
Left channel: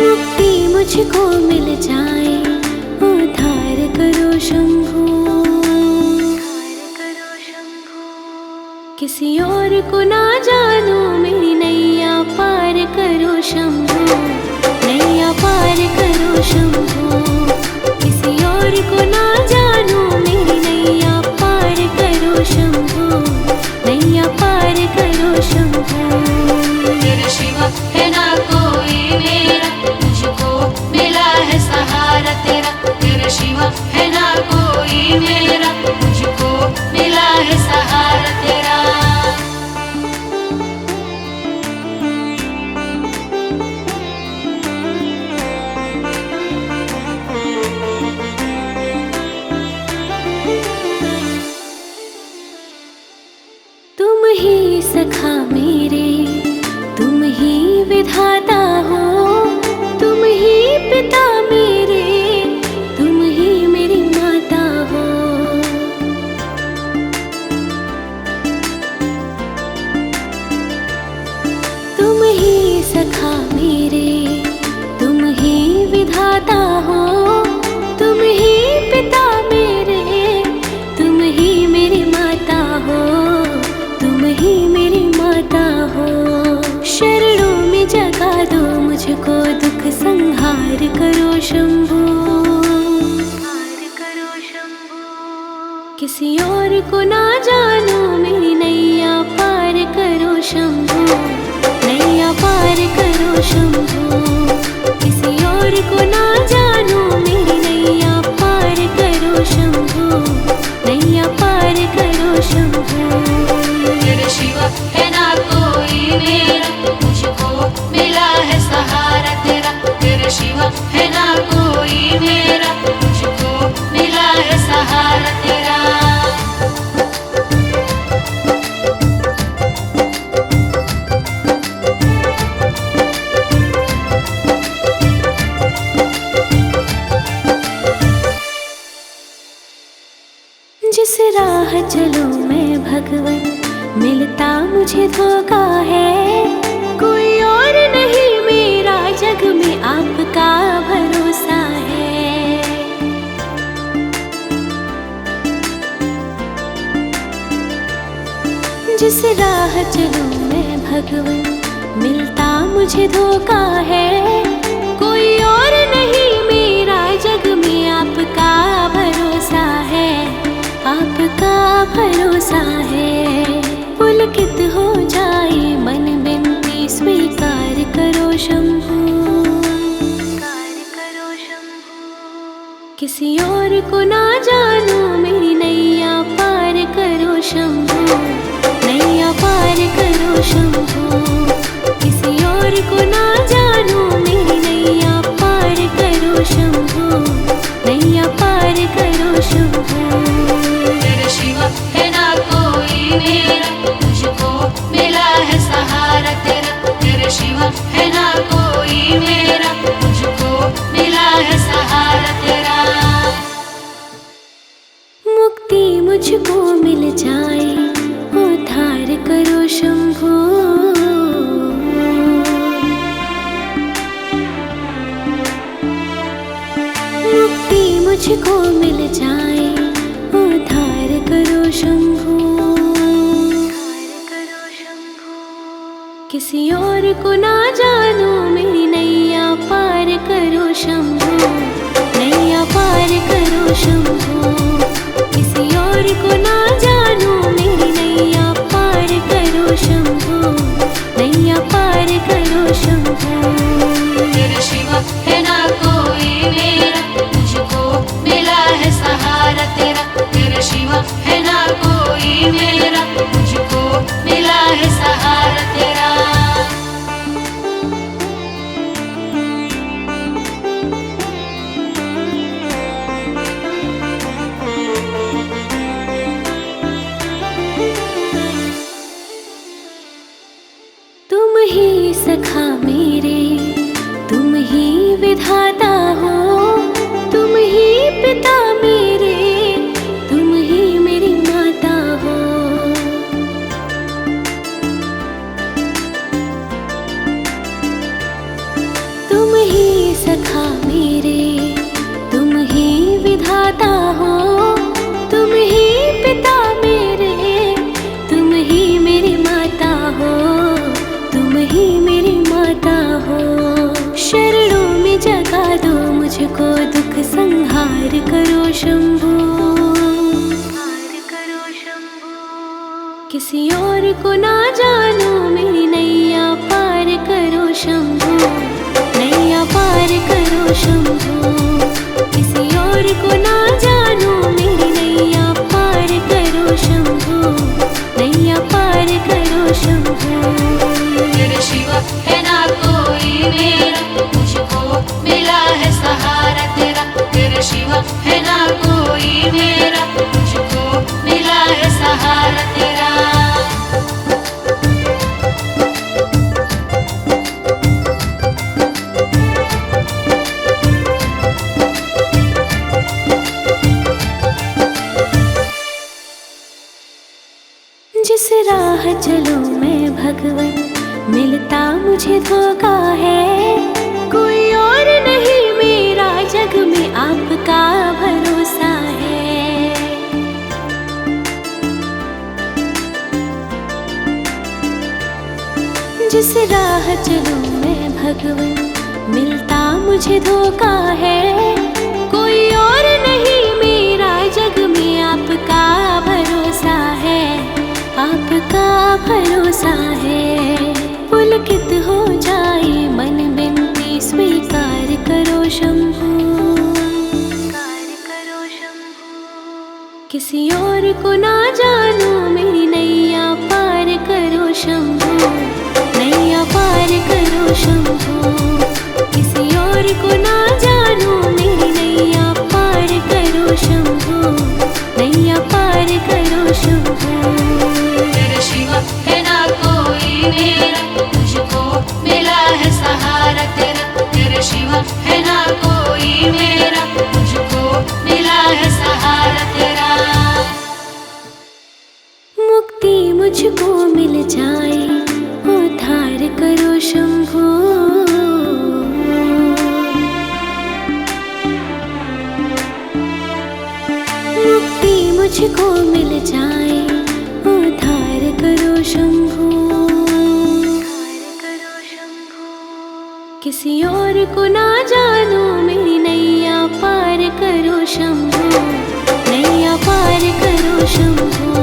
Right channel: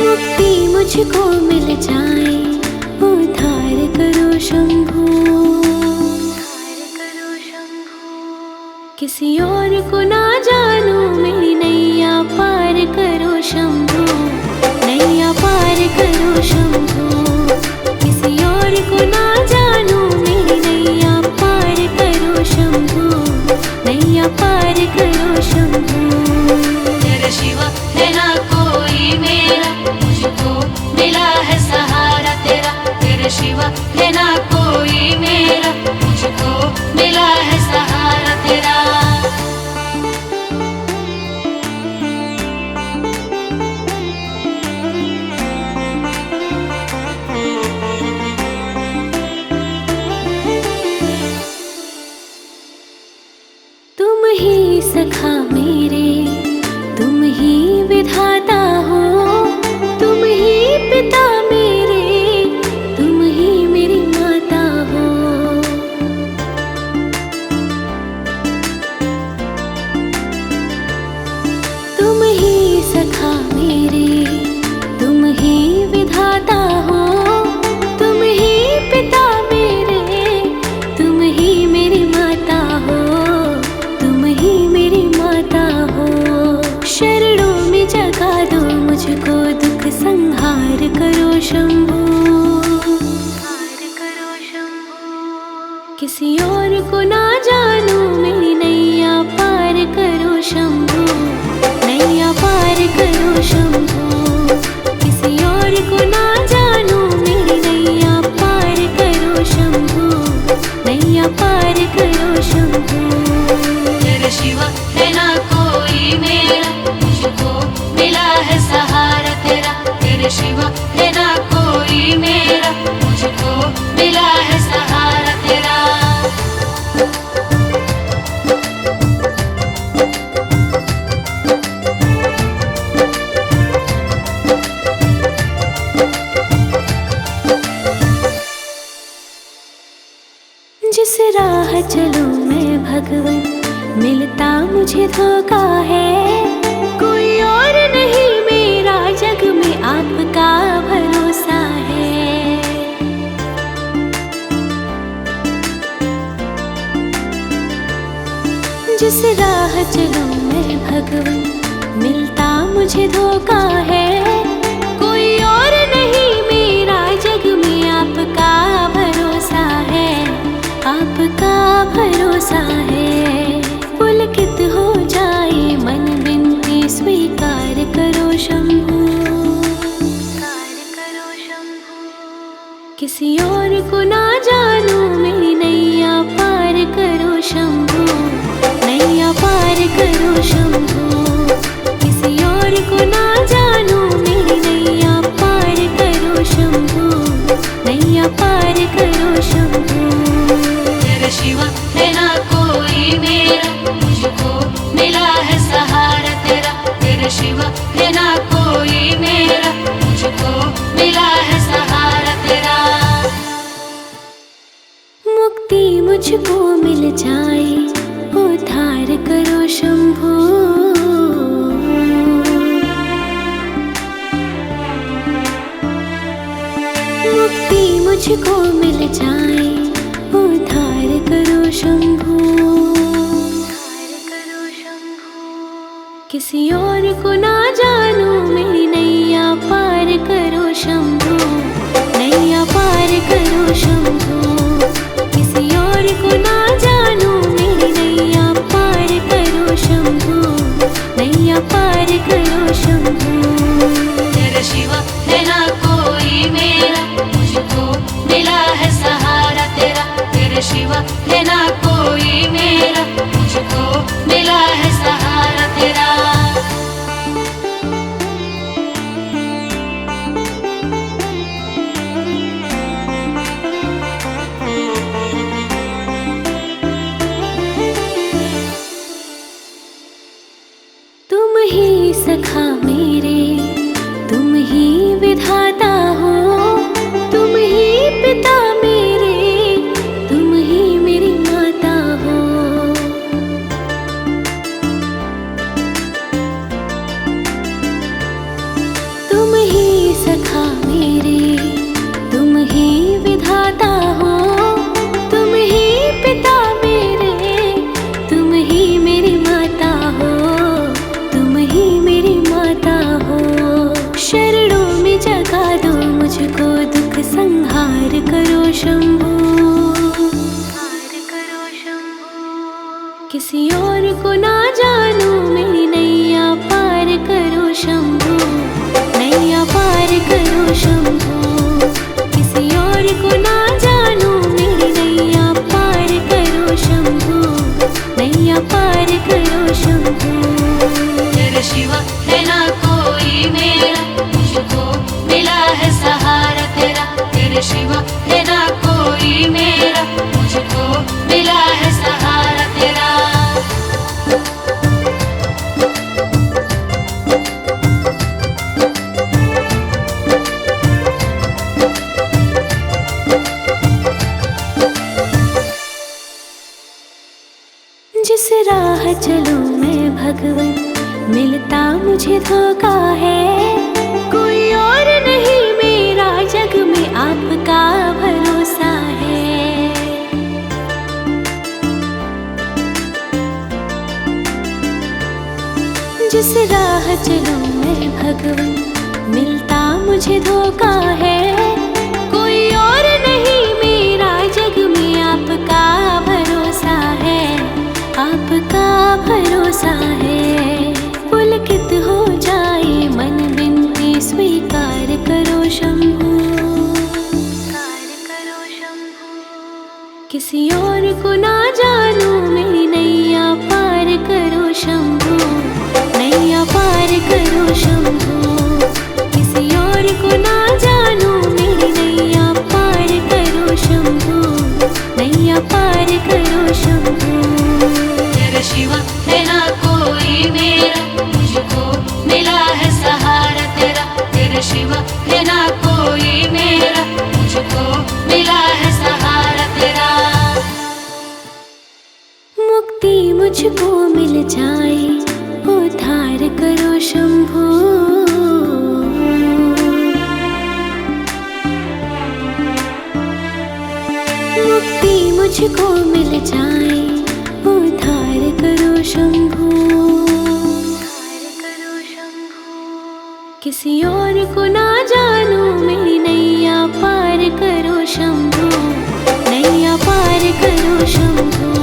मुक्ति मुझको मिल जाए, उद्धार करो शंभू, किसी और को ना जानू मेरी नैया पार करो शंभू, नैया पार करो शंभू, किसी और को ना जानू मेरी नैया पार करो शंभू, नैया पार करो शंभू। तेरे शिवा है ना कोई मेरा, मुझको मिला है सहारा तेरा। तेरे शिवा है ना कोई मेरा, मुझको मिला है सहारा तेरा। तुम ही सखा मेरे, मुझको दुख संहार करो शंभो। किसी और को ना जानू मेरी नैया पार करो शंभो, नैया पार करो शंभो। किसी और को ना जानू मेरी नैया पार करो शंभो, नैया पार करो शंभो। तेरे शिवा है ना कोई मेरा, मुझको मिला है सहारा तेरा। तेरे शिवा है ना कोई मेरा, मुझको मिला है सहारा तेरा। जिस राह चलूं मैं भगवन, मिलता मुझे धोखा है। कोई और नहीं मेरा जग में आपका भरोसा है। जिस राह चलूं मैं भगवन, मिलता मुझे धोखा है। कोई और नहीं मेरा जग में आपका भरोसा है, आपका भरोसा है। पुलकित हो जाए मन बिनती स्वीकार करो शंभो, स्वीकार करो शंभो। किसी और को ना जानू मेरी नैया पार करो शंभो, नैया पार करो शंभो। किसी और को ना जानू मेरी नैया पार करो शंभो, नैया पार करो शंभो। तेरे शिवा है ना कोई मेरा, मुझको मिला है सहारा तेरा। तेरे शिवा है ना कोई मेरा, मुझको मिला है सहारा तेरा। मुक्ति मुझको मिल जाए, उद्धार करो शंभो। मुक्ति मुझको मिल जाए, उद्धार करो शंभो, उद्धार करो शंभो। किसी और को ना जानू मेरी नैया पार करो शंभो, नैया पार करो शंभो। किसी और को ना जानू मेरी नैया पार करो शंभो, नैया पार करो शंभो। तेरे शिवा है ना कोई मेरा, मुझको मिला है सहारा तेरा। तेरे शिवा है ना कोई मेरा, मुझको मिला है सहारा तेरा। तुम ही सखा मेरे, तुम ही विधाता हो। तुम ही पिता मेरे, तुम ही मेरी माता हो। तुम ही सखा मेरे, तुम ही विधाता हो। तुम ही पिता मेरे, तुम ही मेरी माता हो। तुम ही मेरी माता हो। शरणों में जगा दो मुझको, दुख संहार करो शंभो, संहार करो शंभो। किसी और को ना जानू मेरी नैया पार करो शंभो, नैया पार करो शंभो। किसी और को ना जानू मेरी नैया पार करो शंभो, नैया पार करो शंभो। तेरे शिवा है ना कोई मेरा, मुझको मिला है सहारा तेरा। तेरे शिवा है ना कोई मेरा, मुझको मिला है सहारा तेरा। जिस राह चलूं मैं भगवन, मिलता मुझे धोखा है। कोई और नहीं मेरा जग में आपका भरोसा है। जिस राह चलूं मैं भगवन, मिलता मुझे धोखा है, कोई और नहीं मेरा जग में आपका भरोसा है, आपका भरोसा है। पुलकित हो जाए मन बिनती स्वीकार करो शंभू, किसी और को ना जानू मेरी नैया पार करो शंभू, नैया पार करो शंभू। किसी और को ना जानू मेरी नैया पार करो शंभू, नैया पार करो शंभू। तेरे शिवा है ना कोई मेरा, मुझको मिला है सहारा तेरा। तेरे शिवा है ना कोई मेरा, मुझको मिला है सहारा तेरा। मुक्ति मुझको मिल जाए उद्धार करो शंभू, मुक्ति मुझको मिल जाए उद्धार करो शंभू, किसी और को ना जानू मेरी नैया पार करो शंभू, नैया पार करो शंभू।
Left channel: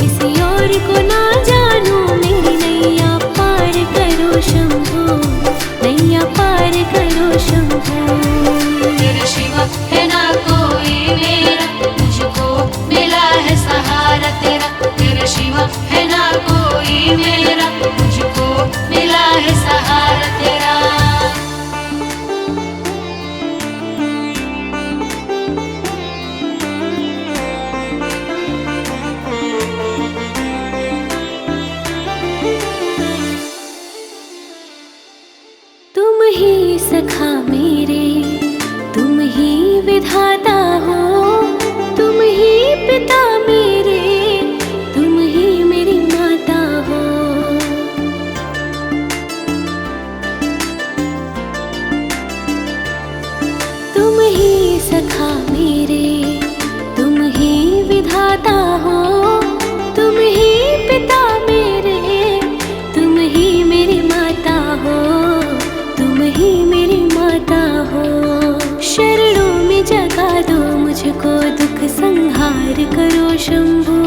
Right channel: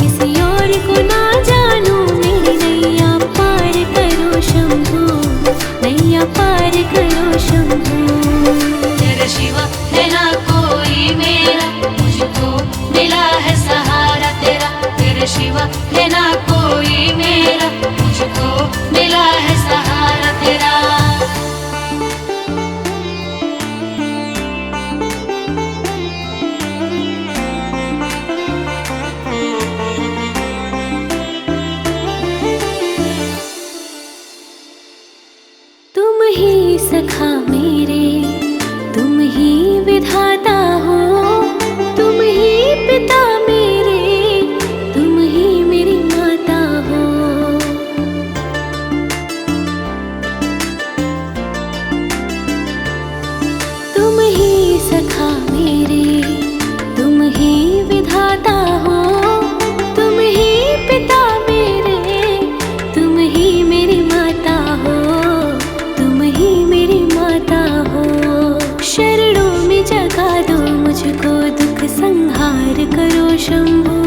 किसी और को ना जानू मेरी नैया पार करो शंभू, नैया पार करो शंभू। तेरे शिवा है ना कोई मेरा, मुझको मिला है सहारा तेरा। तेरे शिवा है ना कोई मेरा, मुझको मिला है सहारा तेरा। तुम ही सखा मेरे, तुम ही विधाता हो, तुम ही पिता मेरे, तुम ही मेरी माता हो। तुम ही सखा मेरे, तुम ही विधाता हो, तुम ही पिता मेरे, तुम ही मेरी माता हो, तुम ही मेरी माता हो। शरणों में जगा दो मुझको, दुख संहार करो शंभू,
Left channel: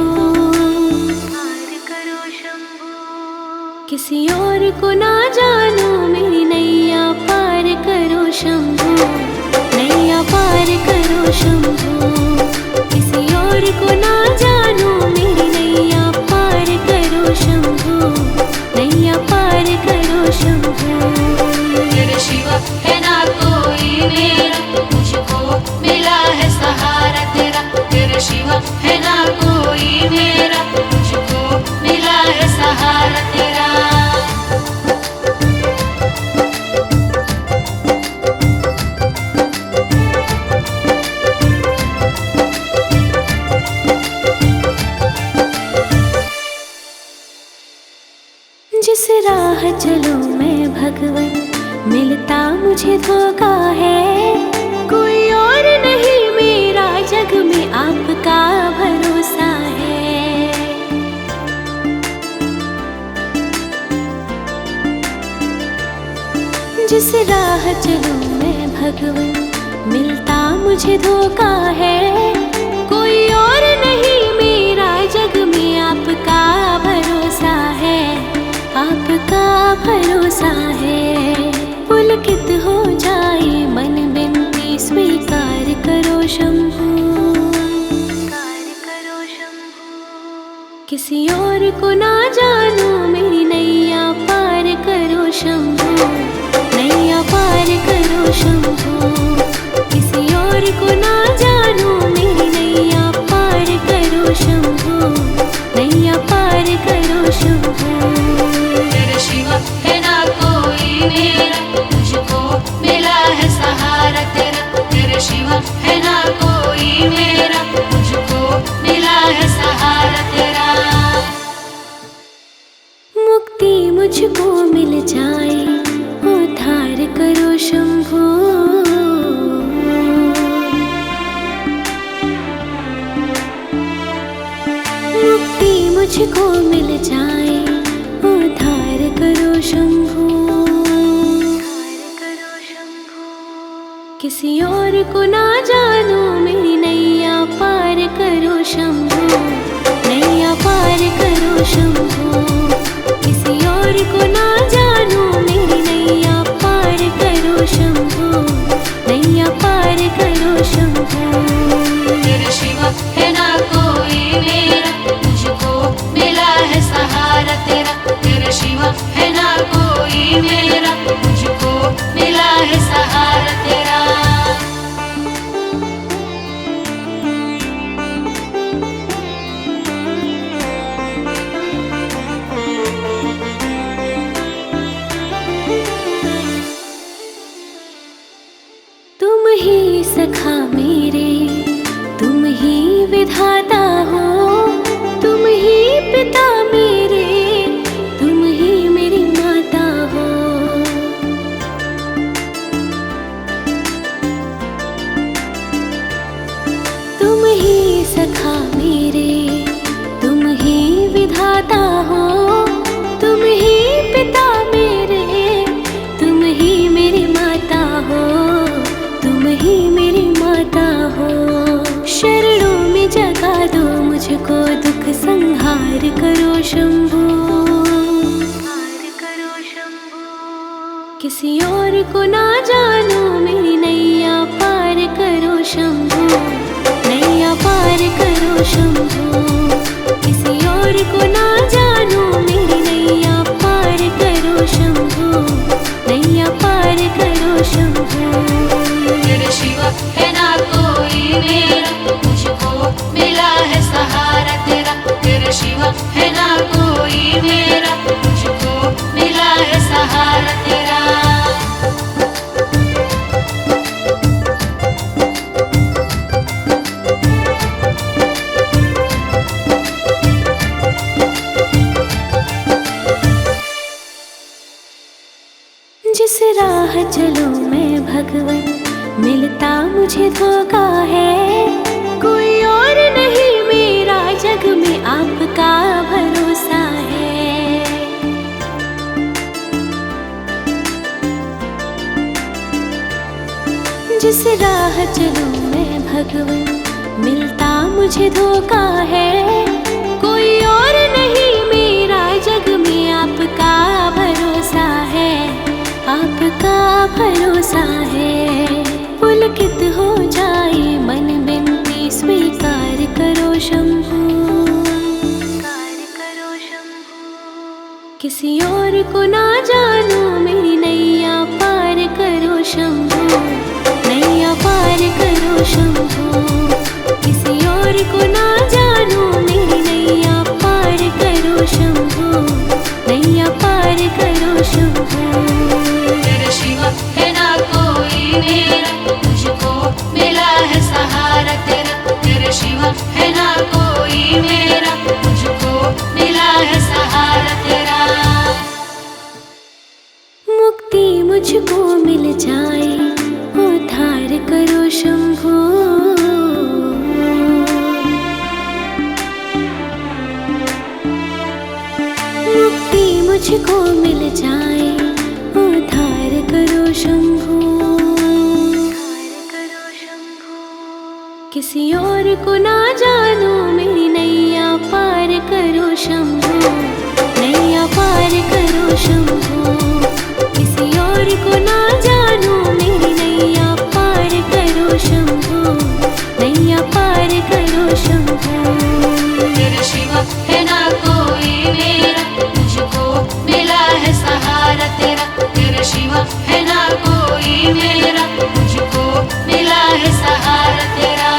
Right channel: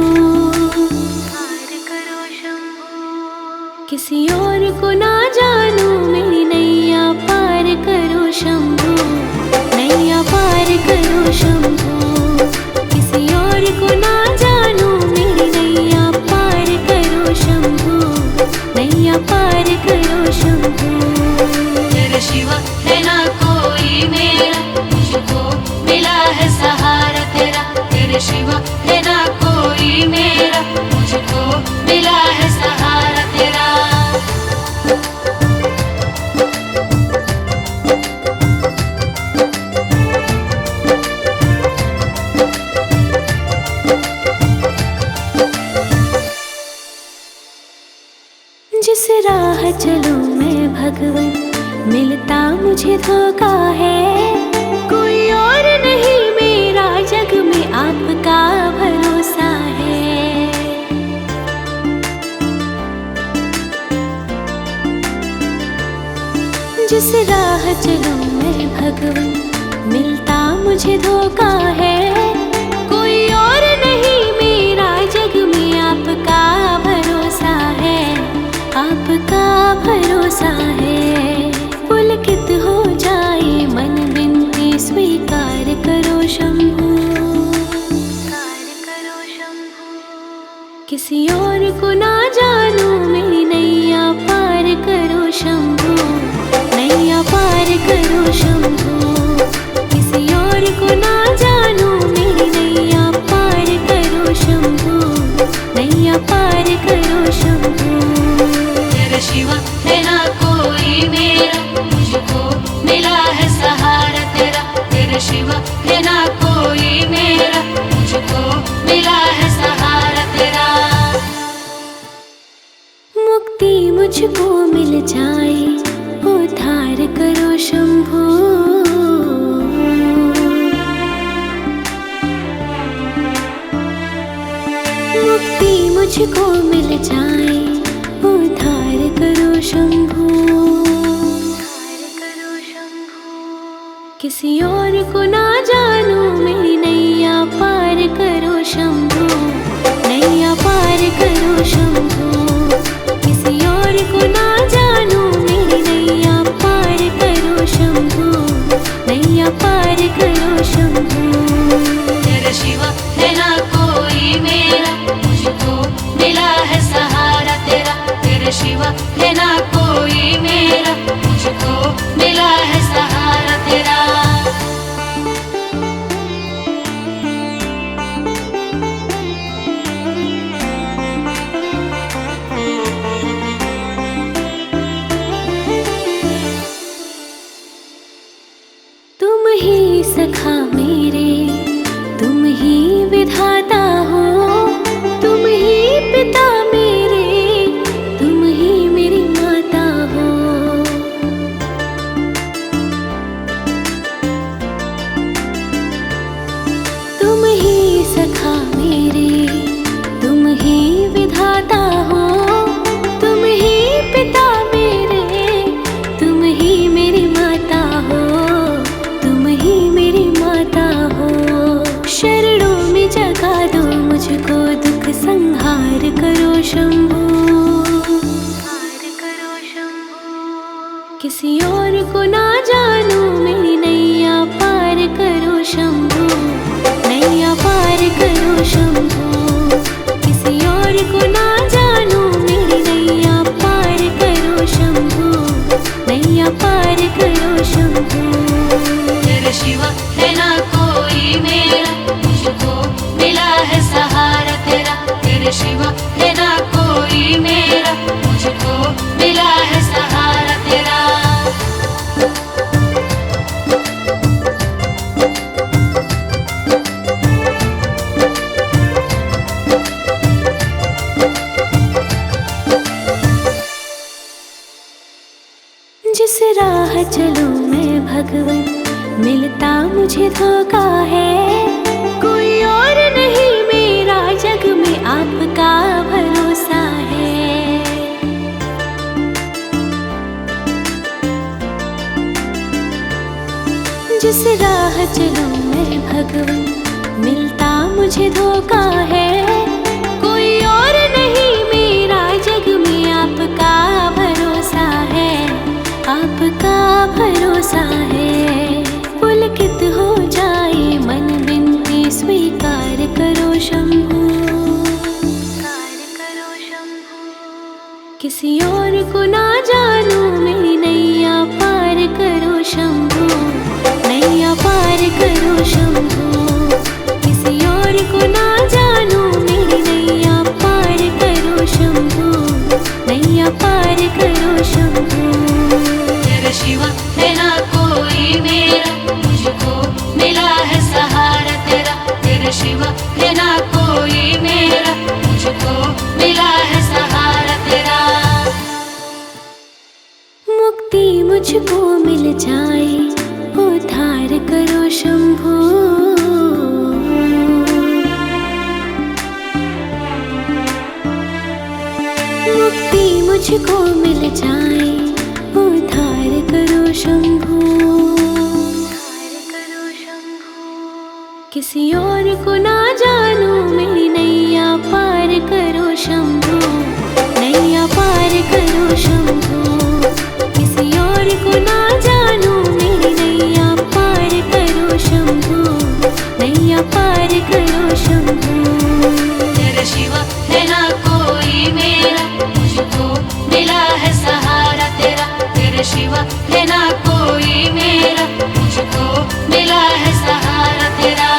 किसी और को ना जानू मेरी नैया पार करो शंभू, नैया पार करो शंभू। किसी और को ना जानू मेरी नैया पार करो शंभू, नैया पार करो शंभू। तेरे शिवा है ना कोई मेरा, मुझको मिला है सहारा तेरा। तेरे शिवा है ना कोई मेरा, मुझको मिला है सहारा तेरा। जिस राह चलूं मैं भगवन, मिलता मुझे धोखा है, कोई और नहीं मेरा जग में आपका भरोसा है। जिस राह चलूं मैं भगवन, मिलता मुझे धोखा है, कोई और नहीं मेरा जग में आपका भरोसा है, आपका भरोसा है। पुलकित हो जाए मन बिनती स्वीकार करो शंभू, किसी और को ना जानू मेरी नैया पार करो शंभू, नैया पार करो शंभू। किसी और को ना जानू मेरी नैया पार करो शंभू, नैया पार करो शंभू। तेरे शिवा है ना कोई मेरा, मुझको मिला है सहारा तेरा। तेरे शिवा है ना कोई मेरा, मुझको मिला है सहारा तेरा। मुक्ति मुझको मिल जाए उद्धार करो शंभू, मुक्ति मुझको मिल जाए उद्धार करो शंभू। किसी और को ना जानू मेरी नैया पार करो शंभू, नैया पार करो शंभू। किसी और को ना जानू मेरी नैया पार करो शंभू, नैया पार करो शंभू। तेरे शिवा है ना कोई मेरा, मुझको मिला है सहारा तेरा। तेरे शिवा है ना कोई मेरा, मुझको मिला है सहारा तेरा। तुम ही सखा मेरे, तुम ही विधाता हो, तुम ही पिता मेरे, तुम ही मेरी माता हो। तुम ही सखा मेरे, तुम ही विधाता हो, तुम ही पिता मेरे, तुम ही मेरी माता हो, तुम ही मेरी माता हो। शरणों में जगा दो मुझको, दुख संहार करो शंभू, करो शंभू। किसी और को ना जानू मेरी नैया पार करो शंभू, नैया पार करो शंभू। किसी और को ना जानू मेरी नैया पार करो शंभू, नैया पार करो शंभू। तेरे शिवा है ना कोई मेरा, मुझको मिला है सहारा तेरा। तेरे शिवा है ना कोई मेरा, मुझको मिला है सहारा तेरा। जिस राह चलूं मैं भगवन, मिलता मुझे धोखा है। कोई और नहीं मेरा जग में आपका भरोसा है। जिस राह चलूं मैं भगवन, मिलता मुझे धोखा है। कोई और नहीं मेरा जग में आपका भरोसा है, आपका भरोसा है। पुलकित हो जाए मन बिनती स्वीकार करो शंभू, करो शंभू। किसी और को ना जानू मेरी नैया पार करो शंभू, नैया पार करो शंभू। किसी और को ना जानू मेरी नैया पार करो शंभू, नैया पार करो शंभू। तेरे शिवा है ना कोई मेरा, मुझको मिला है सहारा तेरा। तेरे शिवा है ना कोई मेरा, मुझको मिला है सहारा तेरा। मुक्ति मुझको मिल जाए, उद्धार करो शंभू। मुक्ति मुझको मिल जाए, उद्धार करो शंभू, करो शंभू। किसी और को ना जानू मेरी नैया पार करो शंभू, नैया पार करो शंभू। किसी और को ना जानू मेरी नैया पार करो शंभू, नैया पार करो शंभू। तेरे शिवा है ना कोई मेरा, मुझको मिला है सहारा तेरा। तेरे शिवा है ना कोई मेरा, मुझको मिला है सहारा तेरा।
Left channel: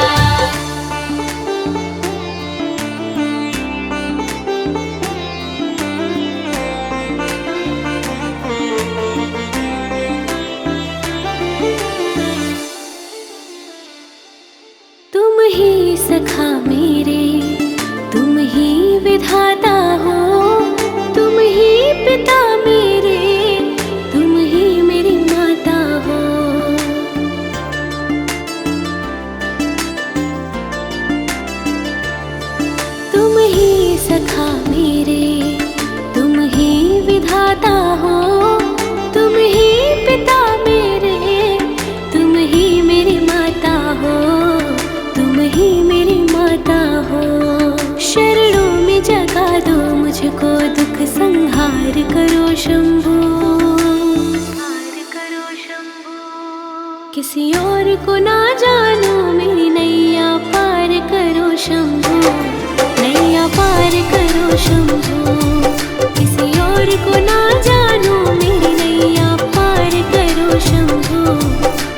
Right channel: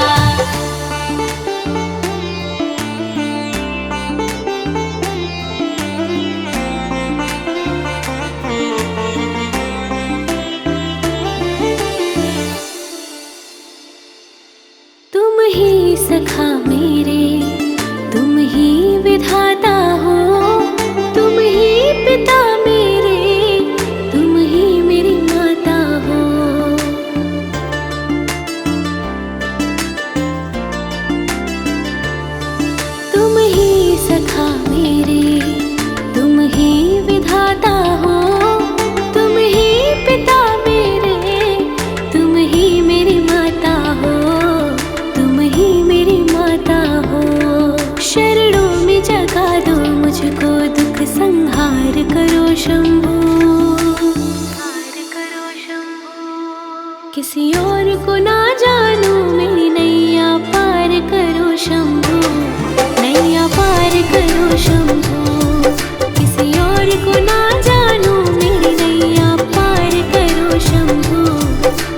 तुम ही सखा मेरे, तुम ही विधाता हो, तुम ही पिता मेरे, तुम ही मेरी माता हो। तुम ही सखा मेरे, तुम ही विधाता हो, तुम ही पिता मेरे, तुम ही मिटाता हो। शरणों में जगा दो मुझको, दुख संहार करो शंभो। किसी और को ना जानू मेरी नैया पार करो शंभो, नैया पार करो शंभो। किसी और को ना जानू मेरी नैया पार करो शंभो,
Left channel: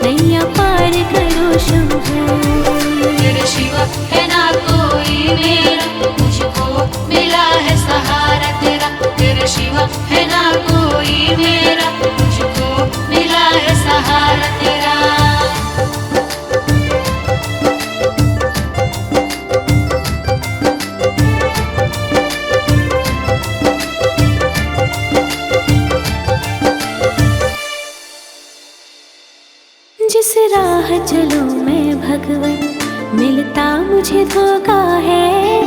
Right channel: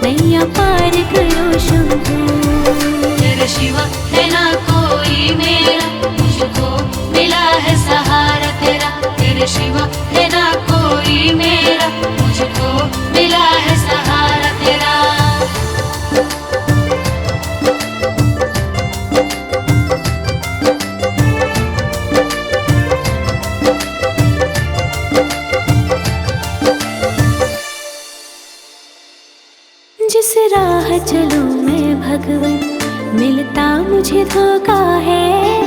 नैया पार करो शंभो। तेरे शिवा है ना कोई मेरा, मुझको मिला है सहारा तेरा। तेरे शिवा है ना कोई मेरा, मुझको मिला है सहारा तेरा। जिस राह चलूं मैं भगवन, मिलता मुझे धोखा है।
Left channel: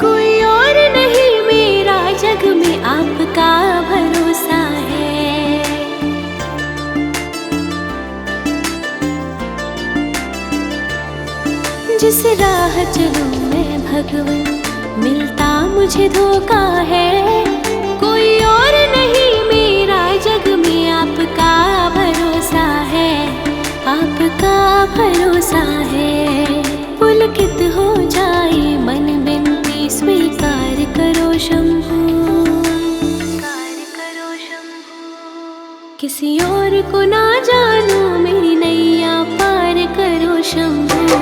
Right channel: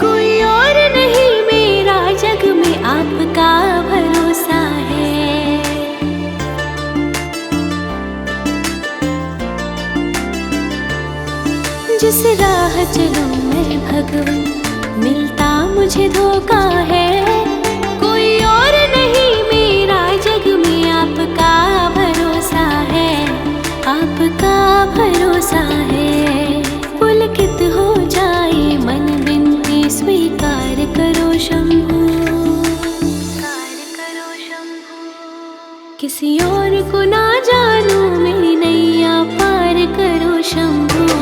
कोई और नहीं मेरा जग में आपका भरोसा है। जिस राह चलूं मैं भगवन, मिलता मुझे धोखा है। कोई और नहीं मेरा जग में आपका भरोसा है, आपका भरोसा है। पुलकित हो जाए मन बिनती स्वीकार करो शंभो, किसी और को ना जानू मेरी नैया पार करो शंभो,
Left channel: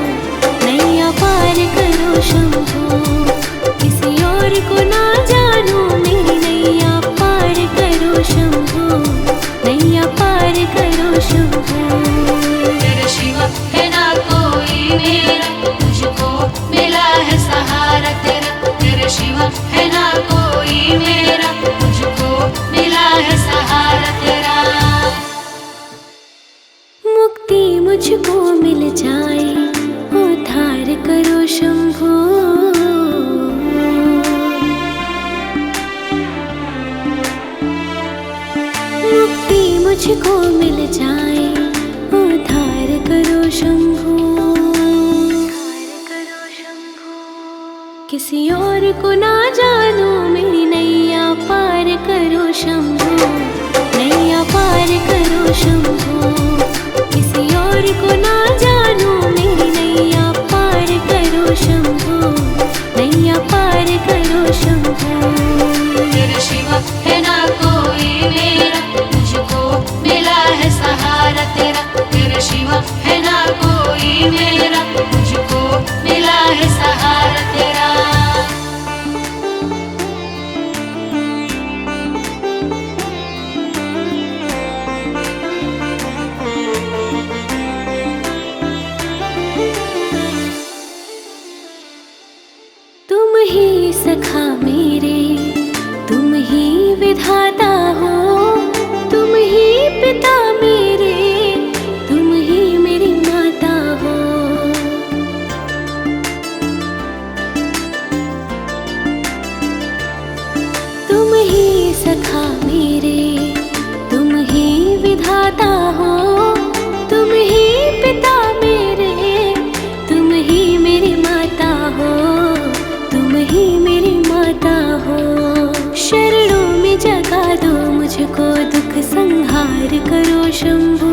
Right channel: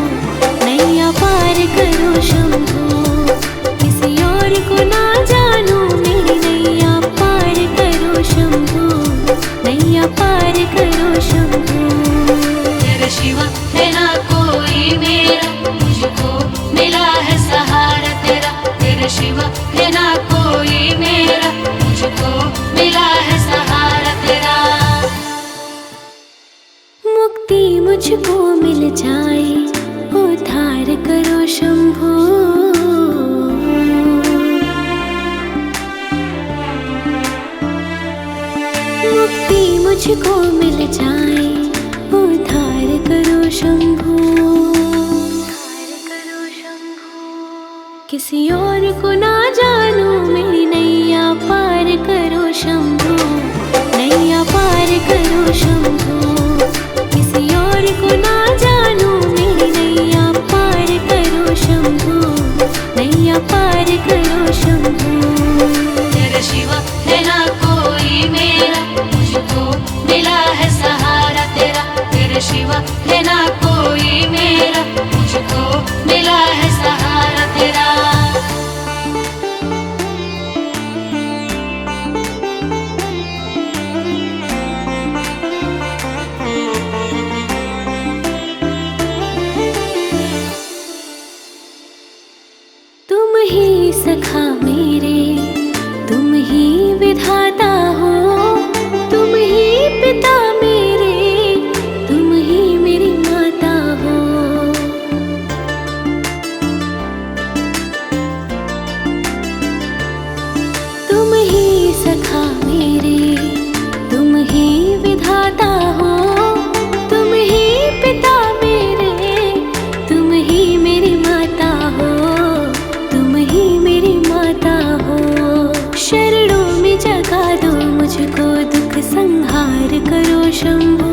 नैया पार करो शंभो। किसी और को ना जानू मेरी नैया पार करो शंभो, नैया पार करो शंभो। तेरे शिवा है ना कोई मेरा, मुझको मिला है सहारा तेरा। तेरे शिवा है ना कोई मेरा, मुझको मिला है सहारा तेरा। मुक्ति मुझको मिल जाए, उद्धार करो शंभो। मुक्ति मुझको मिल जाए, उद्धार करो शंभो। किसी और को ना जानू मेरी नैया पार करो शंभो, नैया पार करो शंभो। किसी और को ना जानू मेरी नैया पार करो शंभो, नैया पार करो शंभो। तेरे शिवा है ना कोई मेरा, मुझको मिला है सहारा तेरा। तेरे शिवा है ना कोई मेरा, मुझको मिला है सहारा तेरा। तुम ही सखा मेरे, तुम ही विधाता हो। तुम ही पिता मेरे, तुम ही मेरी माता हो। तुम ही सखा मेरे, तुम ही विधाता हो। तुम ही पिता मेरे, तुम ही मेरी माता हो, तुम ही मेरी माता हो। शरणों में जगा दो मुझको, दुख संहार करो शंभो।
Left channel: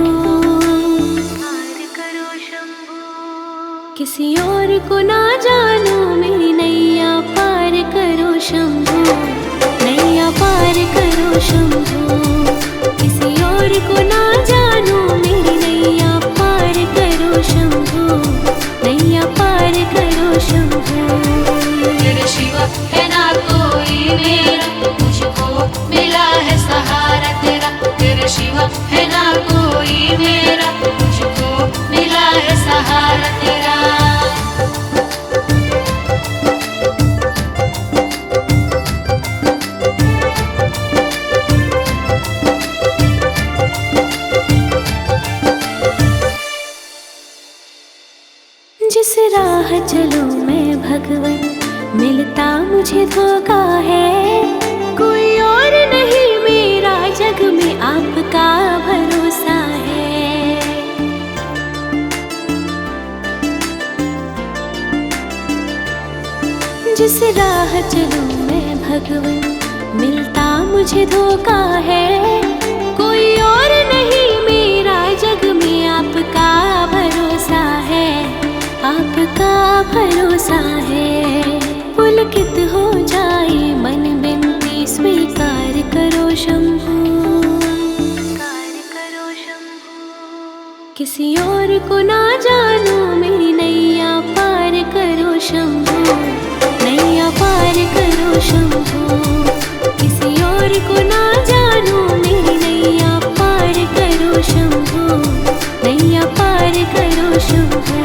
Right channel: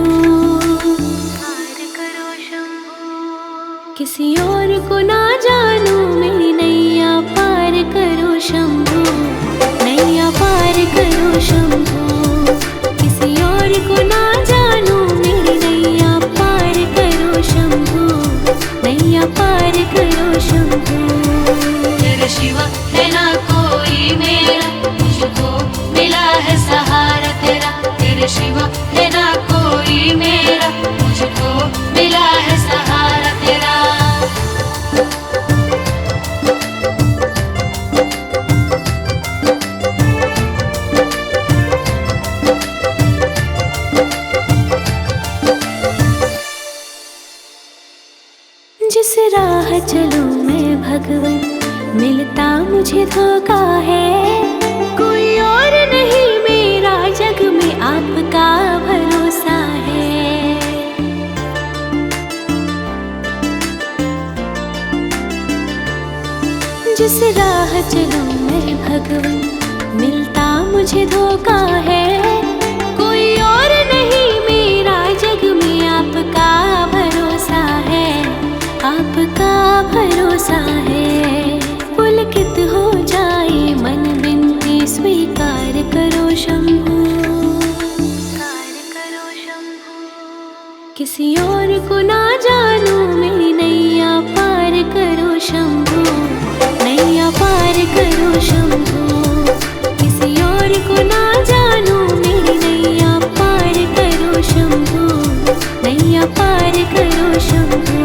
किसी और को ना जानू मेरी नैया पार करो शंभो, नैया पार करो शंभो। किसी और को ना जानू मेरी नैया पार करो शंभो, नैया पार करो शंभो। तेरे शिवा है ना कोई मेरा, मुझको मिला है सहारा तेरा। तेरे शिवा है ना कोई मेरा, मुझको मिला है सहारा तेरा। जिस राह चलूं मैं भगवन, मिलता मुझे धोखा है। कोई और नहीं मेरा जग में आपका भरोसा है। जिस राह चलूं मैं भगवन, मिलता मुझे धोखा है। कोई और नहीं मेरा जग में, आपका भरोसा है, आपका भरोसा है। पुलकित हो जाए मन, बिनती स्वीकार करो शंभू, स्वीकार करो शंभू। किसी और को ना जानूं, मेरी नैया पार करो शंभू, नैया पार करो शंभू। किसी और को ना जानूं, मेरी नैया पार करो शंभू, नैया पार करो शंभू।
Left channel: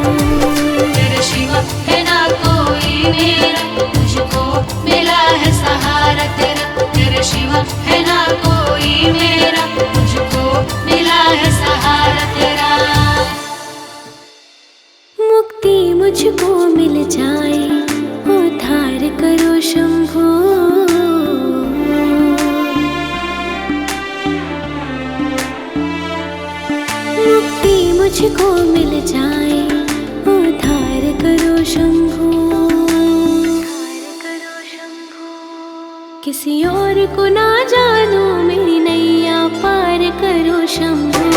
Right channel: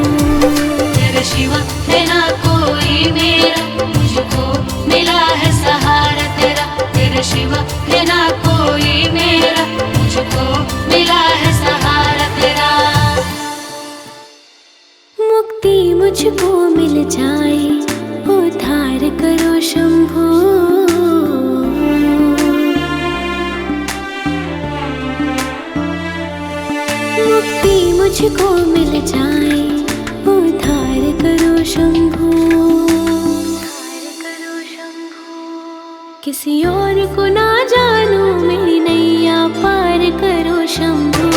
तेरे शिवा है ना कोई मेरा, मुझको मिला है सहारा तेरा। तेरे शिवा है ना कोई मेरा, मुझको मिला है सहारा तेरा। मुक्ति मुझको मिल जाए, उद्धार करो शंभू। मुक्ति मुझको मिल जाए, उद्धार करो शंभू, उद्धार करो शंभू। किसी और को ना जानूं, मेरी नैया पार करो शंभू,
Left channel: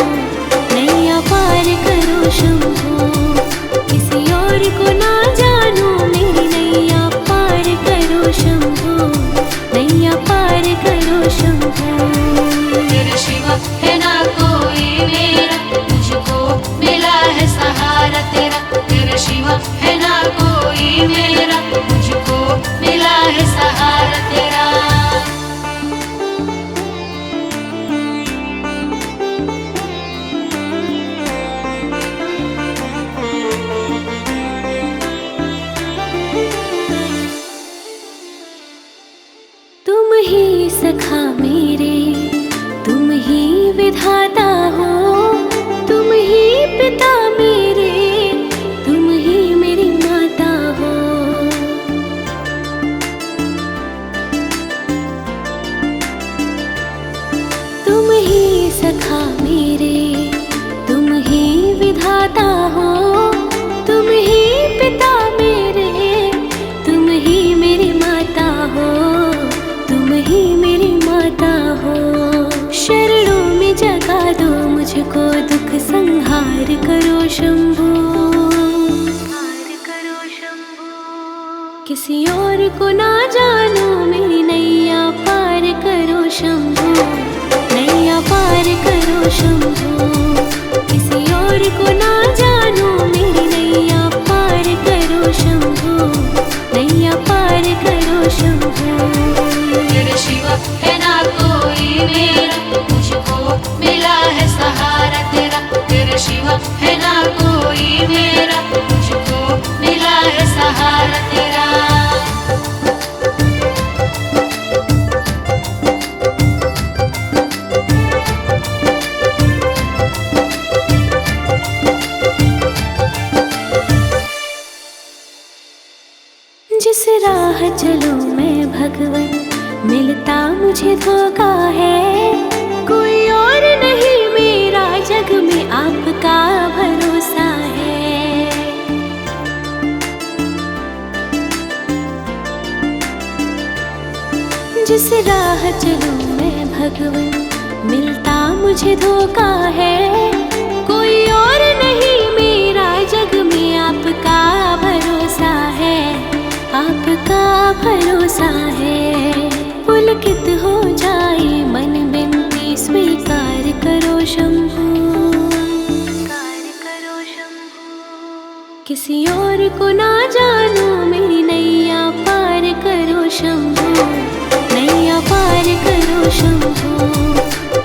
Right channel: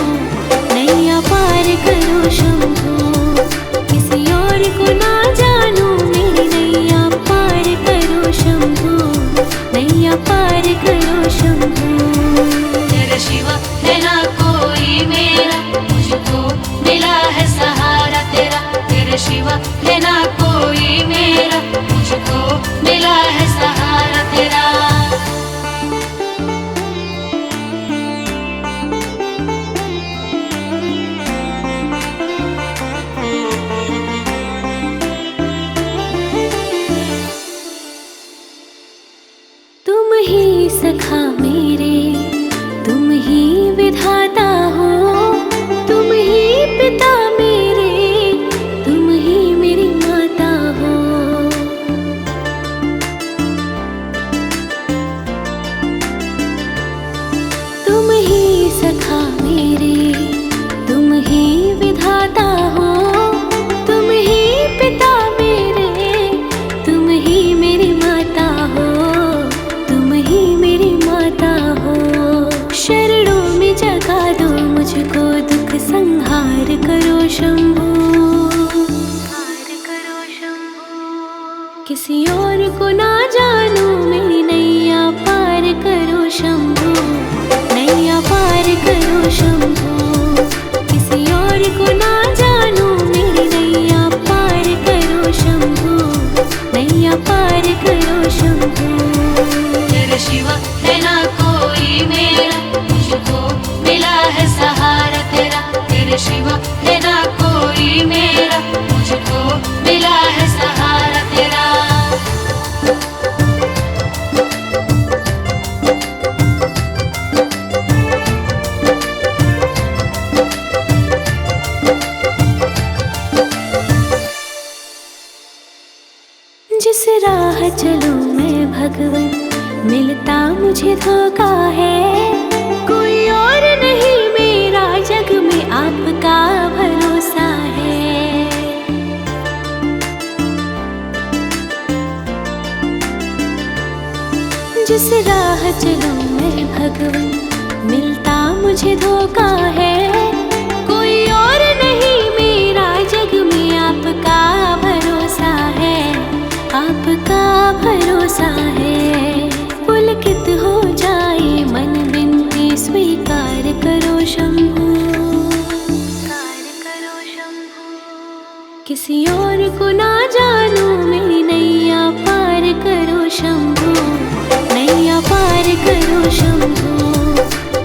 नैया पार करो शंभू। किसी और को ना जानूं, मेरी नैया पार करो शंभू, नैया पार करो शंभू। तेरे शिवा है ना कोई मेरा, मुझको मिला है सहारा तेरा। तेरे शिवा है ना कोई मेरा, मुझको मिला है सहारा तेरा। तुम ही सखा मेरे, तुम ही विधाता हो, तुम ही पिता मेरे, तुम ही मेरी माता हो। तुम ही सखा मेरे, तुम ही विधाता हो, तुम ही पिता मेरे, तुम ही मेरी माता हो, तुम ही मेरी माता हो। शरणों में जगा दो मुझको, दुख संहार करो शंभू, संहार करो शंभू। किसी और को ना जानूं, मेरी नैया पार करो शंभू, नैया पार करो शंभू। किसी और को ना जानूं, मेरी नैया पार करो शंभू, नैया पार करो शंभू। तेरे शिवा है ना कोई मेरा, मुझको मिला है सहारा तेरा। तेरे शिवा है ना कोई मेरा, मुझको मिला है सहारा तेरा। जिस राह चलूं मैं भगवन, मिलता मुझे धोखा है। कोई और नहीं मेरा जग में, आपका भरोसा है। जिस राह चलूं मैं भगवन, मिलता मुझे धोखा है। कोई और नहीं मेरा जग में, आपका भरोसा है, आपका भरोसा है। पुलकित हो जाए मन, बिनती स्वीकार करो शंभू, स्वीकार करो शंभू। किसी और को ना जानूं, मेरी नैया पार करो शंभू, नैया पार करो शंभू।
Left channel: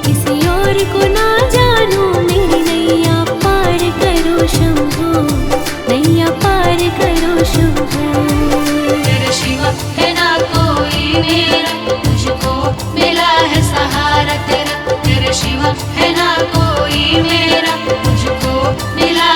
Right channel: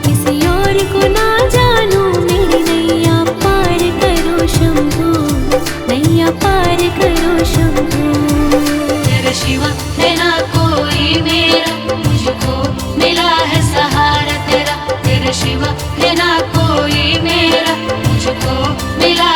किसी और को ना जानूं, मेरी नैया पार करो शंभू, नैया पार करो शंभू। तेरे शिवा है ना कोई मेरा, मुझको मिला है सहारा तेरा। तेरे शिवा है ना कोई मेरा, मुझको मिला